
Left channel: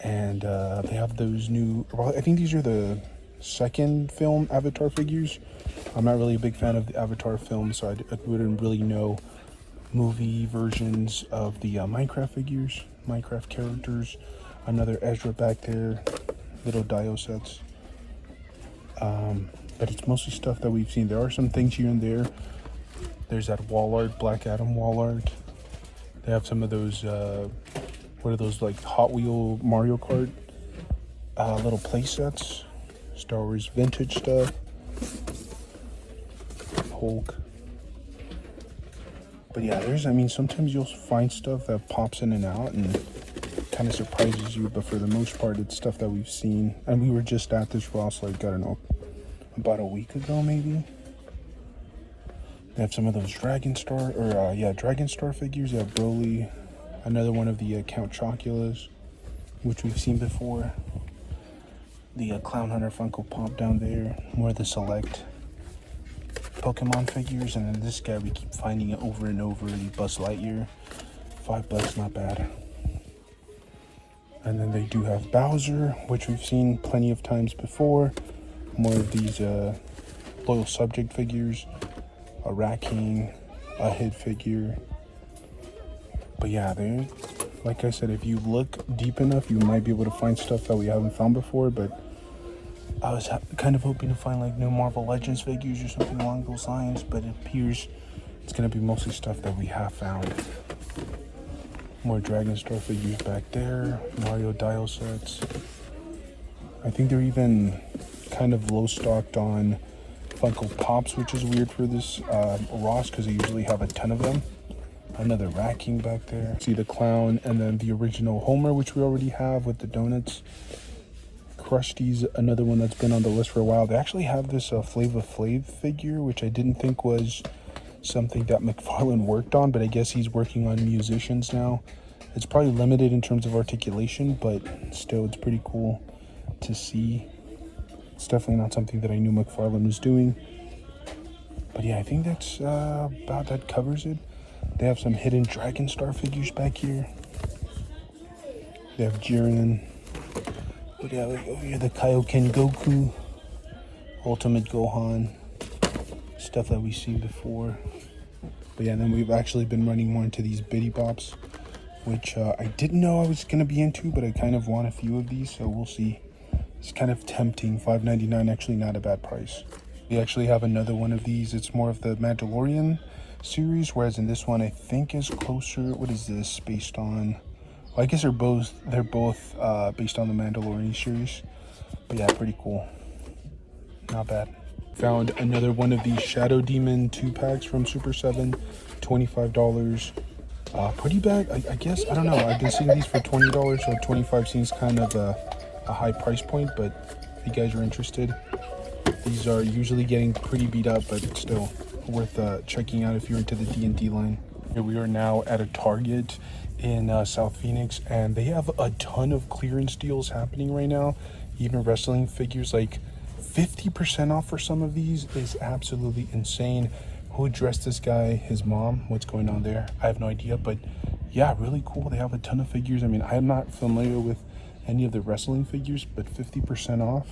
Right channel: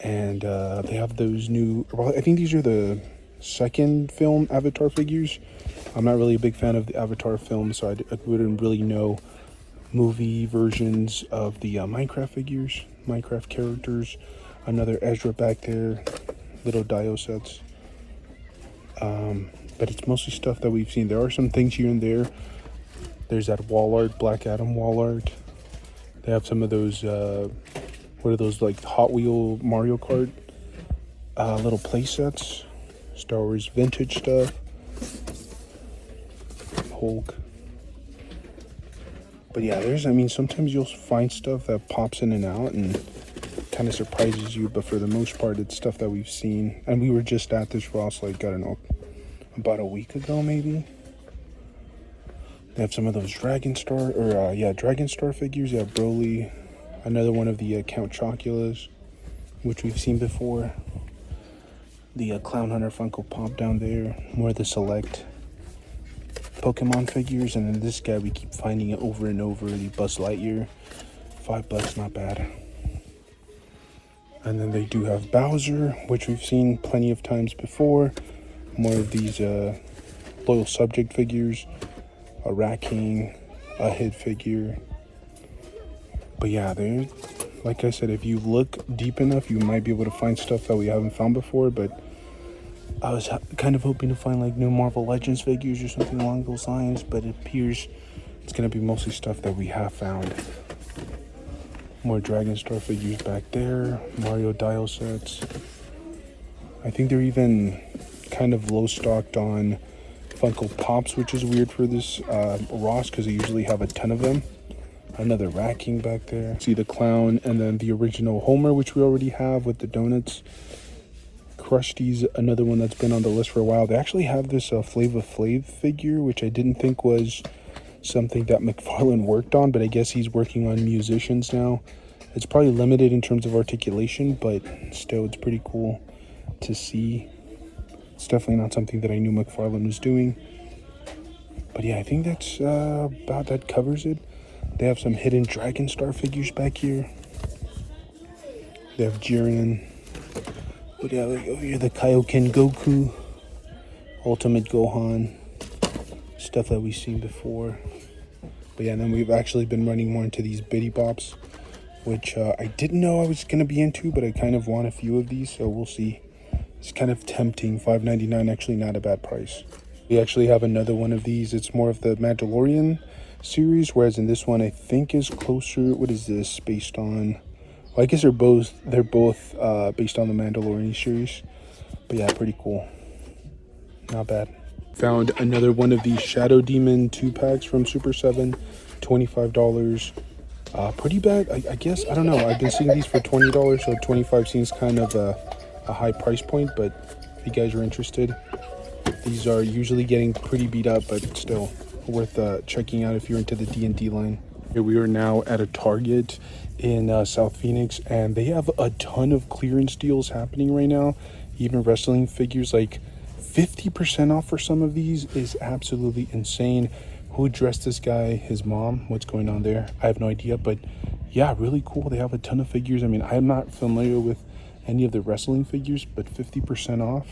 and they have those new. Well, I think these are the second film Avatar figures. I'm not really a big fan of the Avatar film, so I wouldn't really know movie versions of the Minecraft figures, Minecraft characters. Another Ezra back there, little Dio sets. But it's mostly stuff that we've seen. There are some things here and there. There's that wall art, Black Adam wall art. They have some of those, what are those, like Hot Wheel Mario Kart little play sets. Star Wars vintage stuff. Hulk. But yeah, sometimes you'll find stuff that pops in and out and kind of surprises you, but for the most part, it's stuff that we've seen. And we were just at this Ross, like, I don't know, about a week ago, maybe. They have some of those Dragon Star figures. They have Broly, another one of the Count Chocula's, which we've seen before. The Clown Hunter Funko Pop down there. More of the select Pokemon figures, and then this guy, we keep finding it over and over, the Buzz Lightyear. $5, not bad. And then they do have Bowser, which we've seen plenty of times before. More of these loyal subject figures, a Rat King, a Hid figure. But yeah, like I said, if you look deep enough, you might be able to find stuff that we haven't found before. But I was kind of hoping to find like new Marvel Legends figures or something along those lines, but it appears it's going to be mostly stuff that we have found. More Dragon Star figures back there, Mario Dial sets. I think they're even kind of low stocked on Funko Pops, which is weird for this Ross, because they usually have a ton of them. Another Rat King back there. See the clown, and then the original Homer, which we already have with the donuts. Krusty's another one that's been on the list for a while. They actually have this Flava Flav figure, which I didn't think was something that McFarlane worked on, but I guess he's working on musicians now. It's probably limited in terms of articulation, but still, it's pretty cool to see. It's definitely not something that I knew McFarlane was doing. But yeah, I think that's about that covers it. They have some hidden Dragon Star figures back here. They have Jiren. But yeah, over here, the Kaioken Goku, Ultimate Gohan, stuff that we've seen before. But yeah, and then we've actually been running more into these Biddy Bops, which I didn't know I was going to be into, but I kind of want a few of these, so we'll see. It's kind of tempting. $5.99, actually not a bad price. We actually have another one of these. It's more of the Mandalorian series, whereas in this one I think is closer. What is this based on? Well, I guess they're both based on the Mandalorian series. But yeah, pretty cool. Not bad. Found another one of these Shadow Demon 2-packs from Super 7, $25. Pretty bad, I guess. I don't know. I've been seeing these for $20, so $25 seems kind of a high price point, but if you guys are interested, these are usually getting pretty beat up, but still worth checking out if you're into the D&D line. Here we are now at a Target in South Phoenix, and they have a ton of clearance deals happening right now. Even wrestling figures, like 50% off for some of these is absolutely insane. Who dressed this guy? His mom? What's going on there? I have no idea, but yeah, really cool. They have a ton of figures. I mean, I'm not familiar with any of the wrestling figures, but 50% off.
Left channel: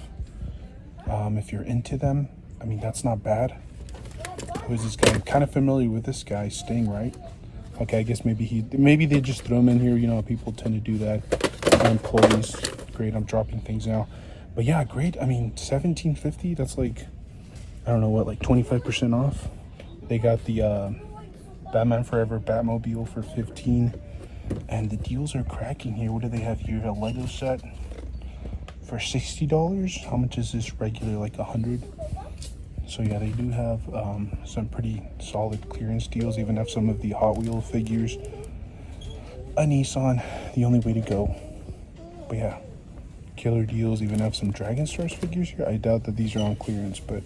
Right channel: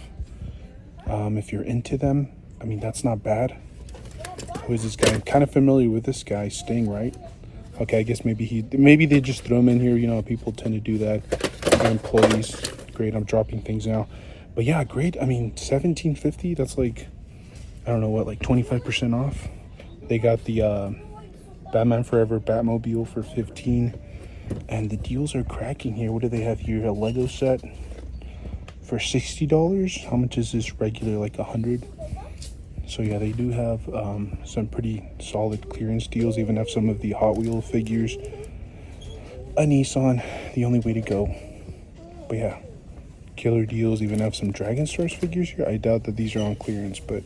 If you're into them, I mean, that's not bad. Who is this guy? I'm kind of familiar with this guy, Sting, right? Okay, I guess maybe they just throw him in here. You know, people tend to do that. Our employees. Great, I'm dropping things now. But yeah, great. I mean, $17.50. That's like, I don't know what, like 25% off. They got the Batman Forever Batmobile for $15, and the deals are cracking here. What do they have here? A Lego set for $60. How much is this regular? Like $100. So yeah, they do have some pretty solid clearance deals. Even have some of the Hot Wheel figures. A Nissan, the only way to go. But yeah, killer deals. Even have some Dragon Stars figures here. I doubt that these are on clearance, but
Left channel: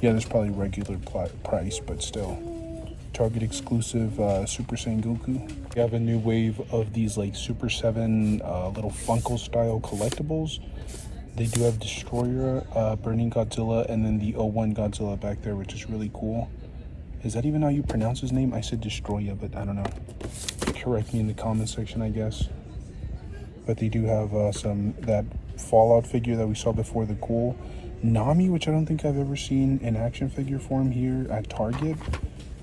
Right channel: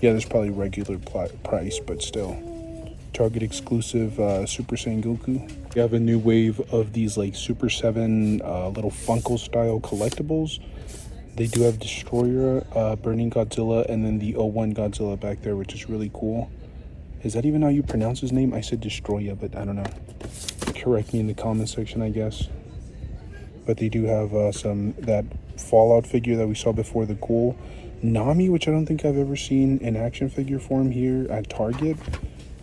yeah, there's probably regular price, but still. Target exclusive Super Saiyan Goku. We have a new wave of these like Super 7 little Funko style collectibles. They do have Destroyer, Burning Godzilla, and then the '01 Godzilla back there, which is really cool. Is that even how you pronounce his name? I said Destroyer, but I don't know. Correct me in the comment section, I guess. But they do have that Fallout figure that we saw before, the cool Nami, which I don't think I've ever seen in action figure form here at Target.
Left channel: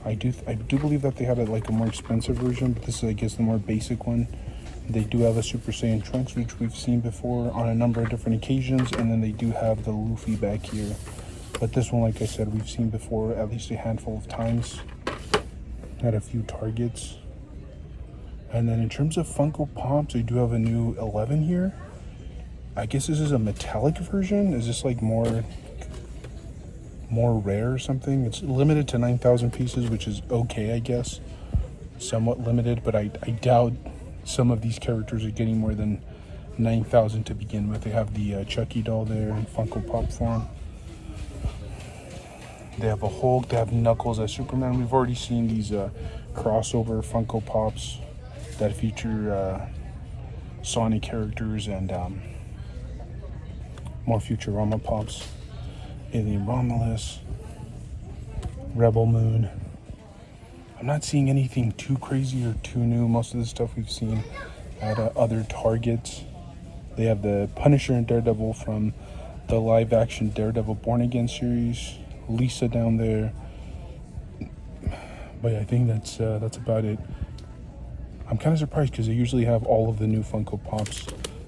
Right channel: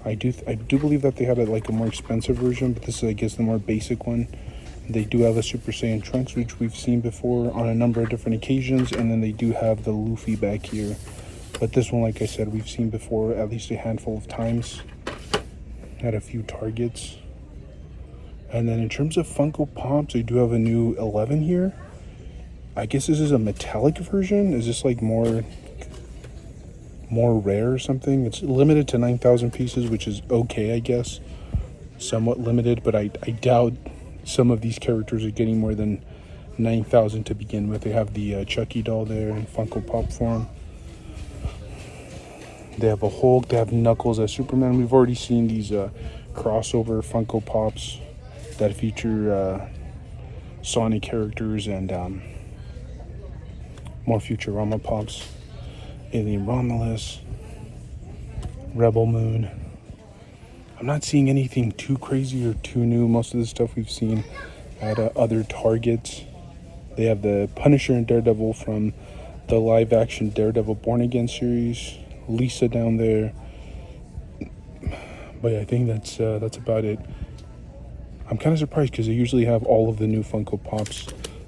I do believe that they had like a more expensive version, but this is, I guess, the more basic one. They do have a Super Saiyan Trunks, which we've seen before on a number of different occasions, and then they do have the Luffy back here. But this one, like I said, we've seen before at least a handful of times at a few Targets. And then in terms of Funko Pops, they do have a new 11 here. I guess this is a metallic version. Is this like more rare or something? It's limited to 9,000 pieces, which is okay, I guess. Somewhat limited, but I doubt some of these characters are getting more than 9,000 to begin with. They have the Chucky doll there in Funko Pop form. They have a Hulk, they have Knuckles as Superman. We've already seen these crossover Funko Pops that feature Sonic characters and more Futurama Pops. Alien Romulus, Rebel Moon. I'm not seeing anything too crazy or too new. Most of the stuff we've seen at other Targets. They have the Punisher and Daredevil from the live action Daredevil Born Again series. Lisa down there. But yeah, I think that's about it. I'm kind of surprised because they usually have all of the new Funko Pops.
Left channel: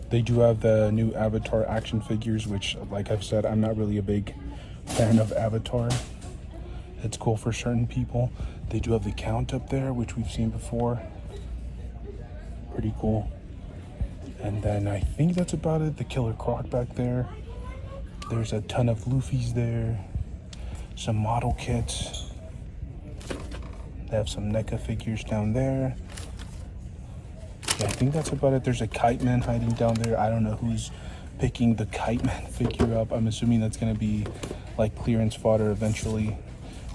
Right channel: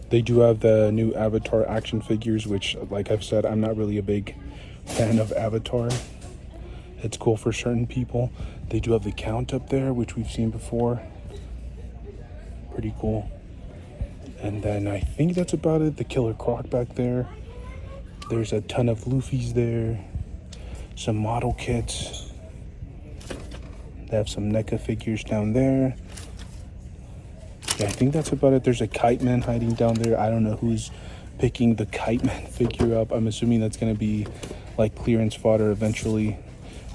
They do have the new Avatar action figures, which, like I've said, I'm not really a big fan of Avatar. It's cool for certain people. They do have the Count up there, which we've seen before. Pretty cool. And then I think that's about it. The Killer Croc back there. There's a ton of Luffy's there. Some model kits. They have some NECA figures down there. Yeah, I think that's about it. There's a Kite Man hiding down there. I don't know who's picking the Kite Man figure up. I'm assuming that's going to be like clearance fodder eventually.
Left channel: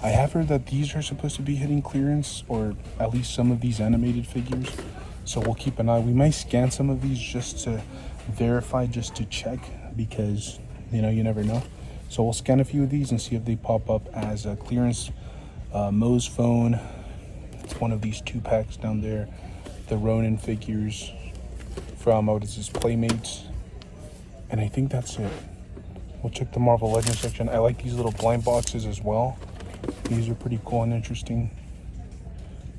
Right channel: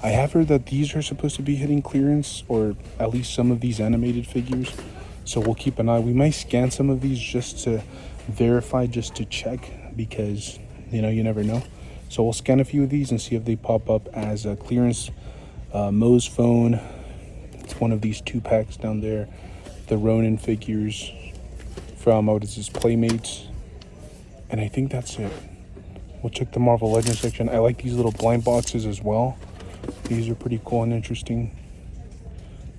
I have heard that these are supposed to be hitting clearance, or at least some of these animated figures. So we'll keep an eye. We might scan some of these just to verify, just to check, because, you know, you never know. So we'll scan a few of these and see if they pop up as a clearance. Moe's phone. It's one of these 2-packs down there. The Ronin figures from, what is this, Playmates. And I think that's it. We'll check the Marvel Legends section. I like these little blind boxes as well. These are pretty cool and interesting.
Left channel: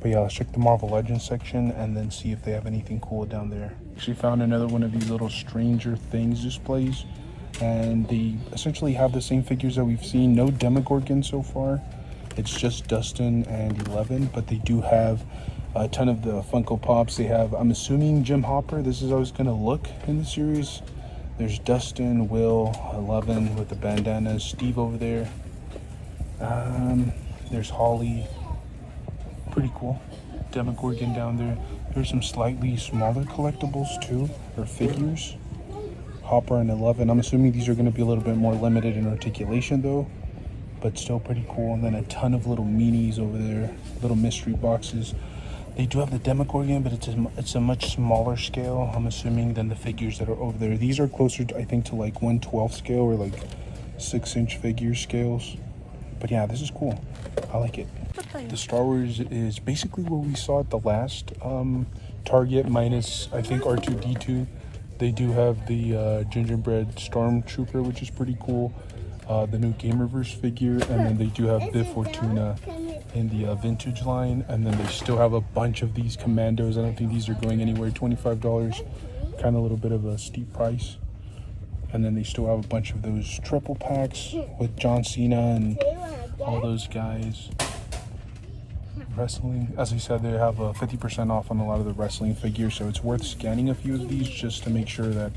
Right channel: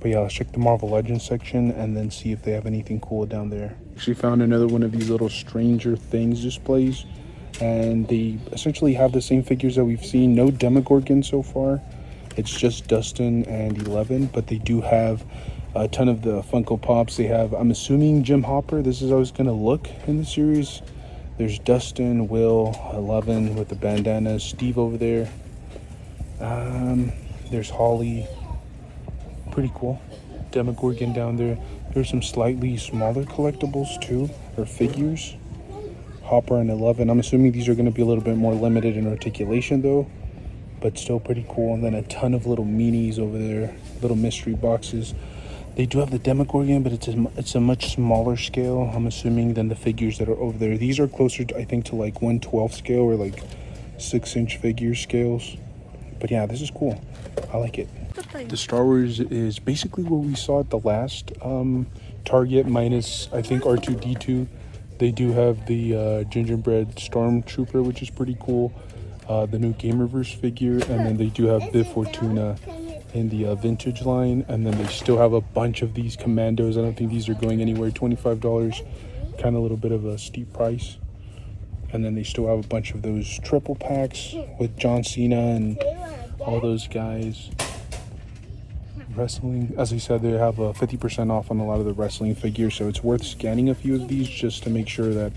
But yeah, let's check the Marvel Legends section and then see if they have anything cool down there. She found another one of these little Stranger Things displays. And they essentially have the same figures that we've seen. No Demogorgon so far. It's just Dustin and 11. But they do have a ton of the Funko Pops. They have, I'm assuming, Jim Hopper. This is how it's going to look in the series. There's Dustin, Will, 11 with the bandana, Steve over there. There's Holly. Pretty cool. Demogorgon down there. There's some slightly smaller collectibles too, or figures. Hopper and 11. I'm assuming these are going to be a little bit more limited in articulation though, but still pretty cool. And then a ton of little minis over there, little mystery boxes. They do have the Demogorgon, but it's a much smaller scale, I'm assuming, than the figures that are over there. These are closer, to, I think, to like 1/12 scale or like 6-inch figure scales. But yeah, this is cool. I like it. The Star Wars is basically what we saw at the last Target, minus, I think, R2-D2. They do have the gingerbread Stormtrooper, which is pretty cool. The new Gamerverse figure, and then they do have Bib Fortuna in the vintage line, and then they still have a bunch of these Commandos. I don't think these are going anywhere. $25, kind of a little bit of a steep price. And then they still have a bunch of those triple packs with John Cena and all those guys. Wrestling, as I said, they have a 50% off on a lot of the wrestling figures, so it's worth scanning a few of these just to make sure that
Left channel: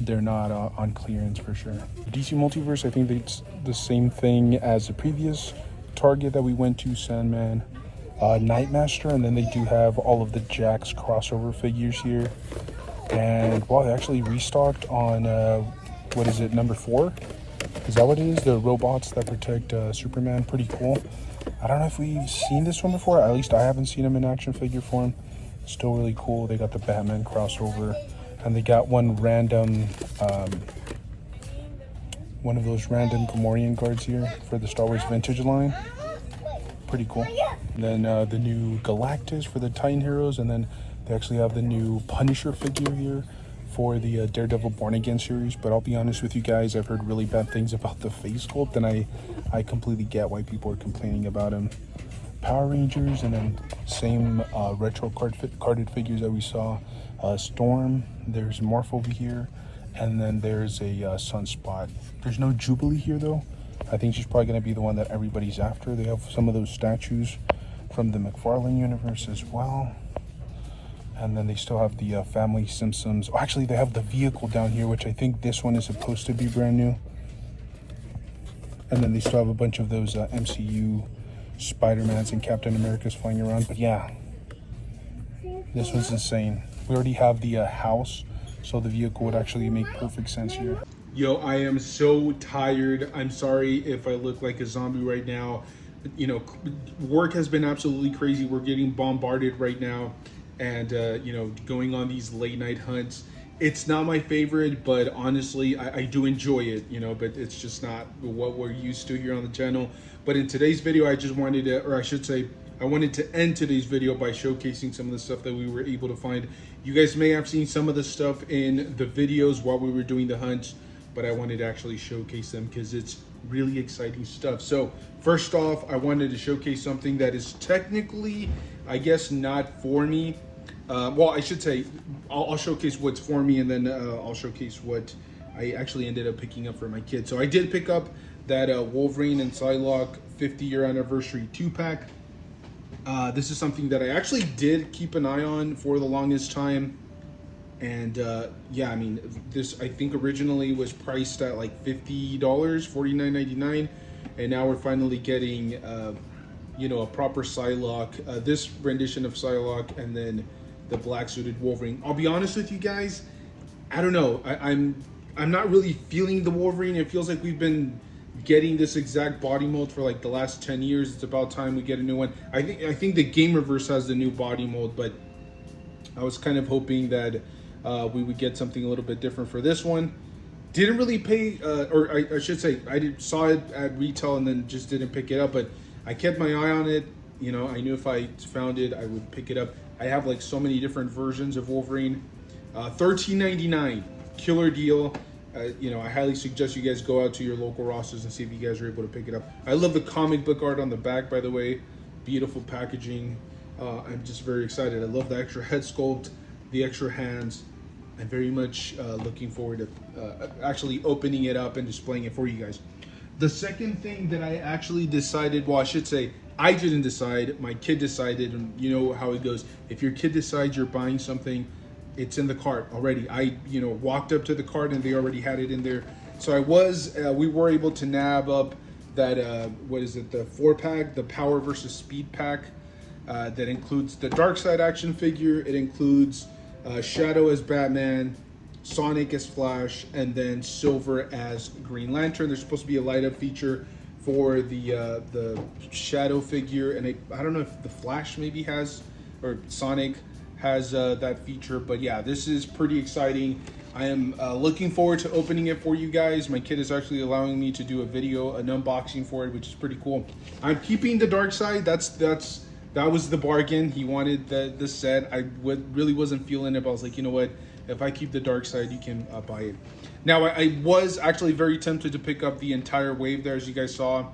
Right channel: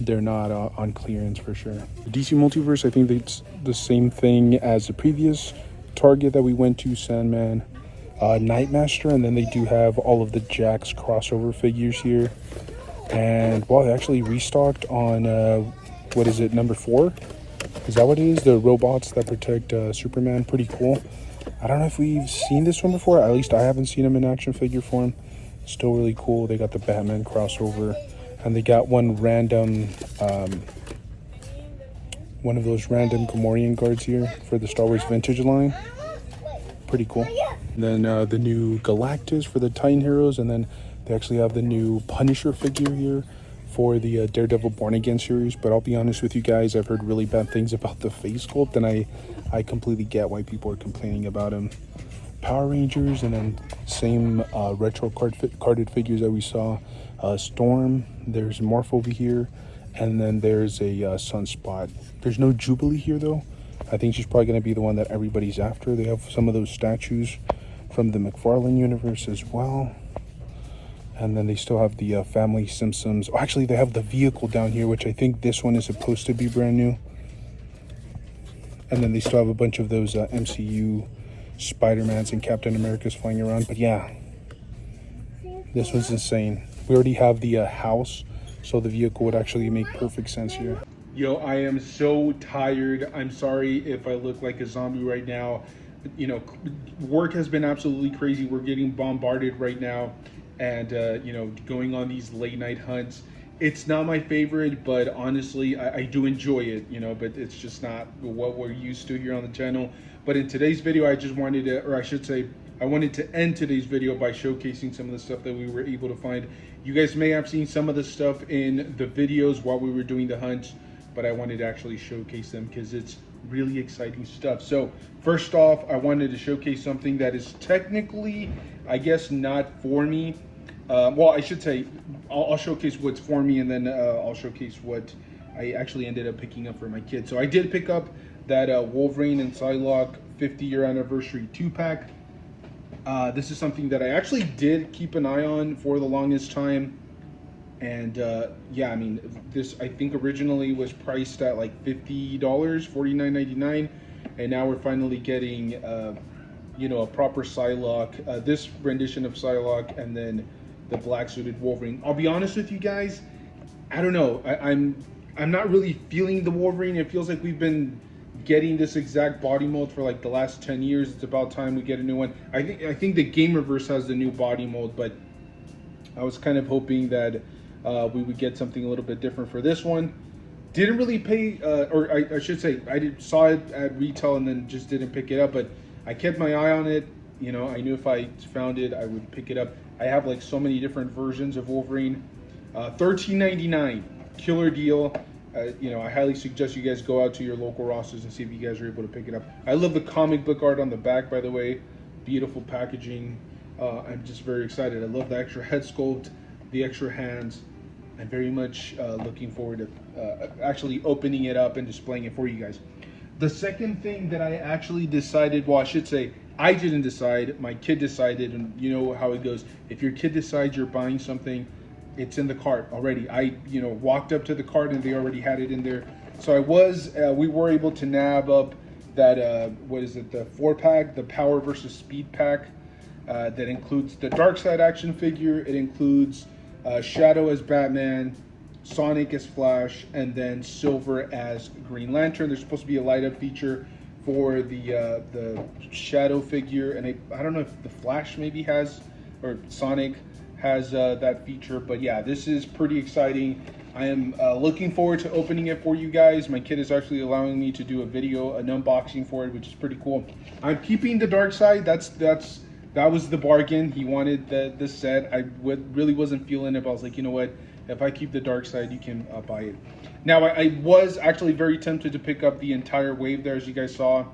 they're not on clearance for sure. DC Multiverse, I think it's the same thing as the previous Target that we went to, Sandman, Nightmaster, and then they do have all of the Jax crossover figures here. And wow, they actually restocked on what is it, number 4? Is that what it is? The robots that protect Superman. Pretty cool. I don't know if we've seen this one before. At least I haven't seen them in action figure form. Still really cool. They got the Batman crossover, and they got one random one of those random Gamorrean guards here for the Star Wars Vintage line. Pretty cool. And then the new Galactus for the Titan Heroes, and then they actually have the new Punisher figure here for the Daredevil Born Again series. But I'll be honest with you guys, I've heard really bad things about the face sculpt, and I completely get why people are complaining about him. Power Rangers, and then same retro carded figures that we saw. Storm, there's Morph over here, and then there's a Sunspot. There's no Jubilee here though. I think she's probably going to be the one that everybody's after. They have some of those statues from the McFarlane universe as well. And then they still have the Family Simpsons. Oh, actually, they have the vehicle down here, which I think this one is supposed to be brand new. And then they still have a bunch of those MCU Spider-Mans and Captain Americas flying around. But yeah, this one's insane. We already have the house, so the vehicle would actually make perfect sense here. Yo, I am so tired. I'm sorry if I look like a zombie right now. You know, work has been absolutely crazy. We're getting bombarded right now, and you know, going on these late night hunts. It's not my favorite, but honestly, I do enjoy it, you know, but it's just not what we're used to here on the channel. But in today's video, I just wanted to, or I should say, I wanted to end today's video by showcasing some of the stuff that we were able to find. You guys may have seen some of the stuff in the videos while we were doing the hunts, but I wanted to actually showcase them because it's really exciting stuff. So first off, I wanted to showcase something that is technically, I guess, not for me. Well, I should say, I'll showcase what's for me, and then I'll showcase what I actually ended up picking up for my kids. So I did pick up that Wolverine and Psylocke 50-year anniversary 2-pack. This is something that I actually did keep an eye on for the longest time. And yeah, I mean, this I think originally was priced at like $50, $49.99, and now we're finally getting you know, a proper Psylocke, this rendition of Psylocke, and then the black suited Wolverine. I'll be honest with you guys, I don't know, I'm not really feeling the Wolverine. It feels like we've been getting this exact body mold for like the last 10 years. It's about time we get a new one. I think the Gamerverse has the new body mold, but I was kind of hoping that we would get something a little bit different for this one. Didn't really pay, or I should say, saw it at retail and then just didn't pick it up, but I kept my eye on it. You know, I knew if I found it, I would pick it up. I have like so many different versions of Wolverine. $13.99, killer deal. You know, I highly suggest you guys go out to your local Rosses and see if you guys are able to pick it up. I love the comic book art on the back, by the way. Beautiful packaging. I'm just very excited. I love the extra head sculpt, the extra hands. I'm very much looking forward to actually opening it up and displaying it for you guys. The second thing that I actually decided, well, I should say, I didn't decide, my kid decided, and you know how it goes. If your kid decides you're buying something, it's in the cart already. I, you know, walked up to the cart and they already had it in there. So we were able to nab up that, what is it, the 4-pack, the Power versus Speed pack, that includes the Darkseid action figure. It includes Shadow as Batman, Sonic as Flash, and then Silver as Green Lantern. There's supposed to be a light up feature for the Shadow figure, and I don't know if the Flash maybe has, or Sonic has that feature, but yeah, this is pretty exciting. I am looking forward to opening it for you guys. My kid is actually allowing me to do a video, an unboxing for it, which is pretty cool. I'm keeping the Darkseid. That was the bargain. He wanted the set. I really wasn't feeling it, but I was like, you know what? If I keep the Darkseid, you can buy it. Now, I was actually very tempted to pick up the entire wave there. As you guys saw,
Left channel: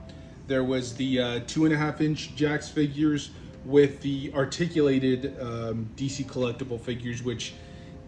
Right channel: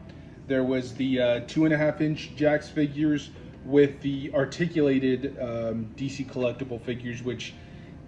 there was the 2.5-inch Jax figures with the articulated DC collectible figures, which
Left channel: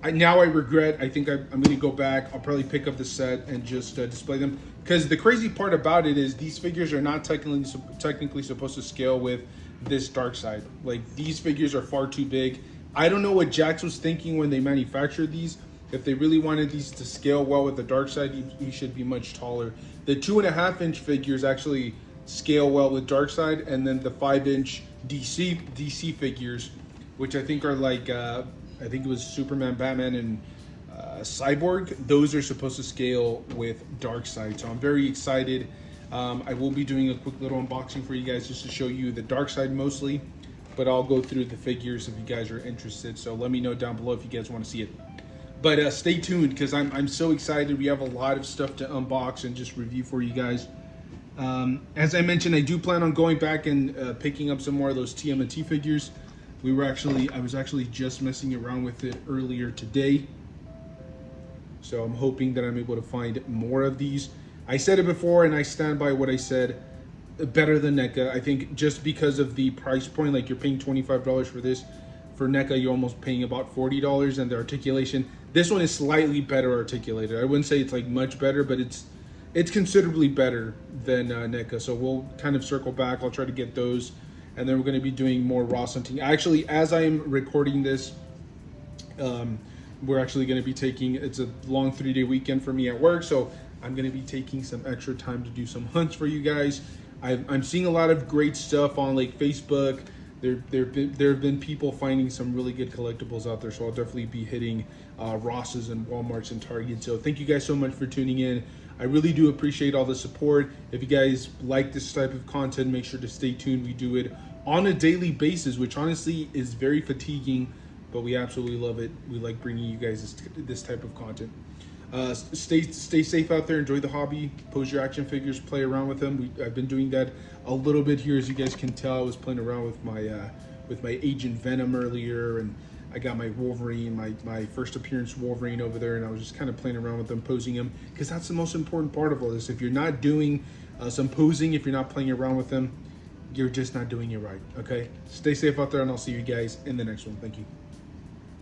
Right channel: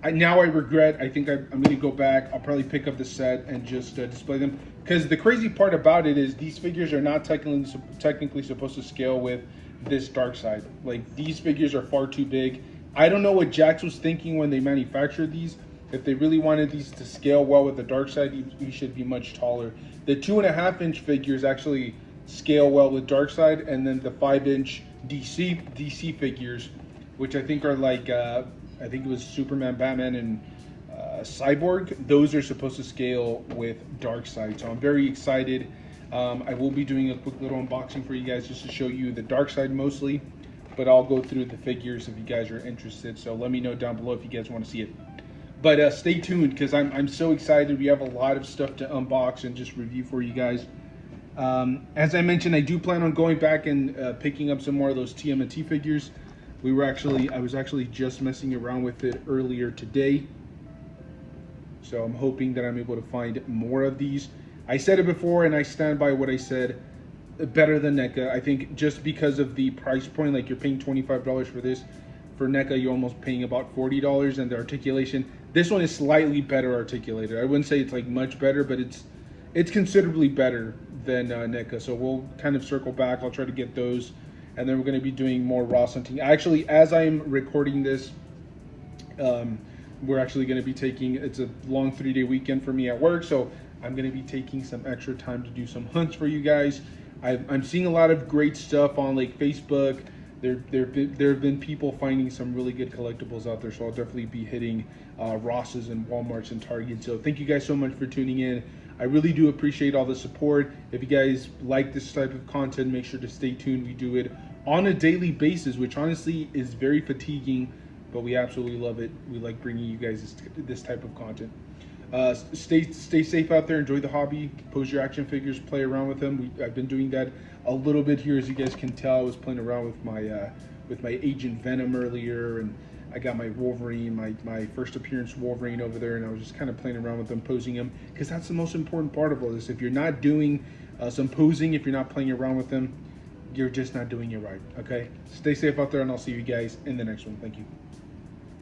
now I regret. I think I'm going to go back. I'll probably pick up the set and just display them. Because the crazy part about it is these figures are not technically supposed to scale with this Darkseid. Like, these figures are far too big. I don't know what Jax was thinking when they manufactured these. if they really wanted these to scale well with the dark side, he should be much taller. The 2.5-inch figures actually scale well with dark side, and then the 5-inch DC figures, which I think are like I think it was Superman, Batman, and Cyborg. Those are supposed to scale with dark side, so I'm very excited. I will be doing a quick little unboxing for you guys just to show you the dark side mostly, but I'll go through the figures if you guys are interested. So let me know down below if you guys want to see it. But stay tuned, because I'm so excited. We have a lot of stuff to unbox and just review for you guys. As I mentioned, I do plan on going back and picking up some more of those TMNT figures. I was actually just messing around with it earlier today. So I'm hoping that I'm able to find more of these. I said it before, and I stand by what I said. Better than NECA. I think just because of the price point, like you're paying $25 for this. For NECA, you're almost paying about $40, and the articulation. This one is slightly better articulated. I wouldn't say it's like much better, but it's considerably better than NECA. So we'll kind of circle back. I'll try to get those, and then we're going to be doing more Ross hunting. Actually, as I am recording this, we're actually going to be taking, it's a long 3-day weekend for me at work, so I'm going to be taking some extra time to do some hunts for you guys. I'm seeing a lot of great stuff on like Facebook. There have been people finding some really good collectibles out there, so I'll definitely be hitting Ross's and Walmart's and Target. So thank you guys so much for tuning in. I really do appreciate all the support. If you guys like this type of content, make sure to stay tuned. We do it on a daily basis, which honestly is very fatiguing, but we absolutely love it. We like bringing you guys this type of content. Stay safe out there. Enjoy the hobby. Pose your action figures. Play around with them. I've been doing that a little bit here, as you guys can tell. I was playing around with my Agent Venom earlier, and I got my Wolverine, my first appearance Wolverine over there, and I was just kind of playing around with them, posing them, because that's the most important part of all this. If you're not doing some posing, if you're not playing around with them, you're just not doing it right. Okay. Stay safe out there, and I'll see you guys in the next one. Thank you.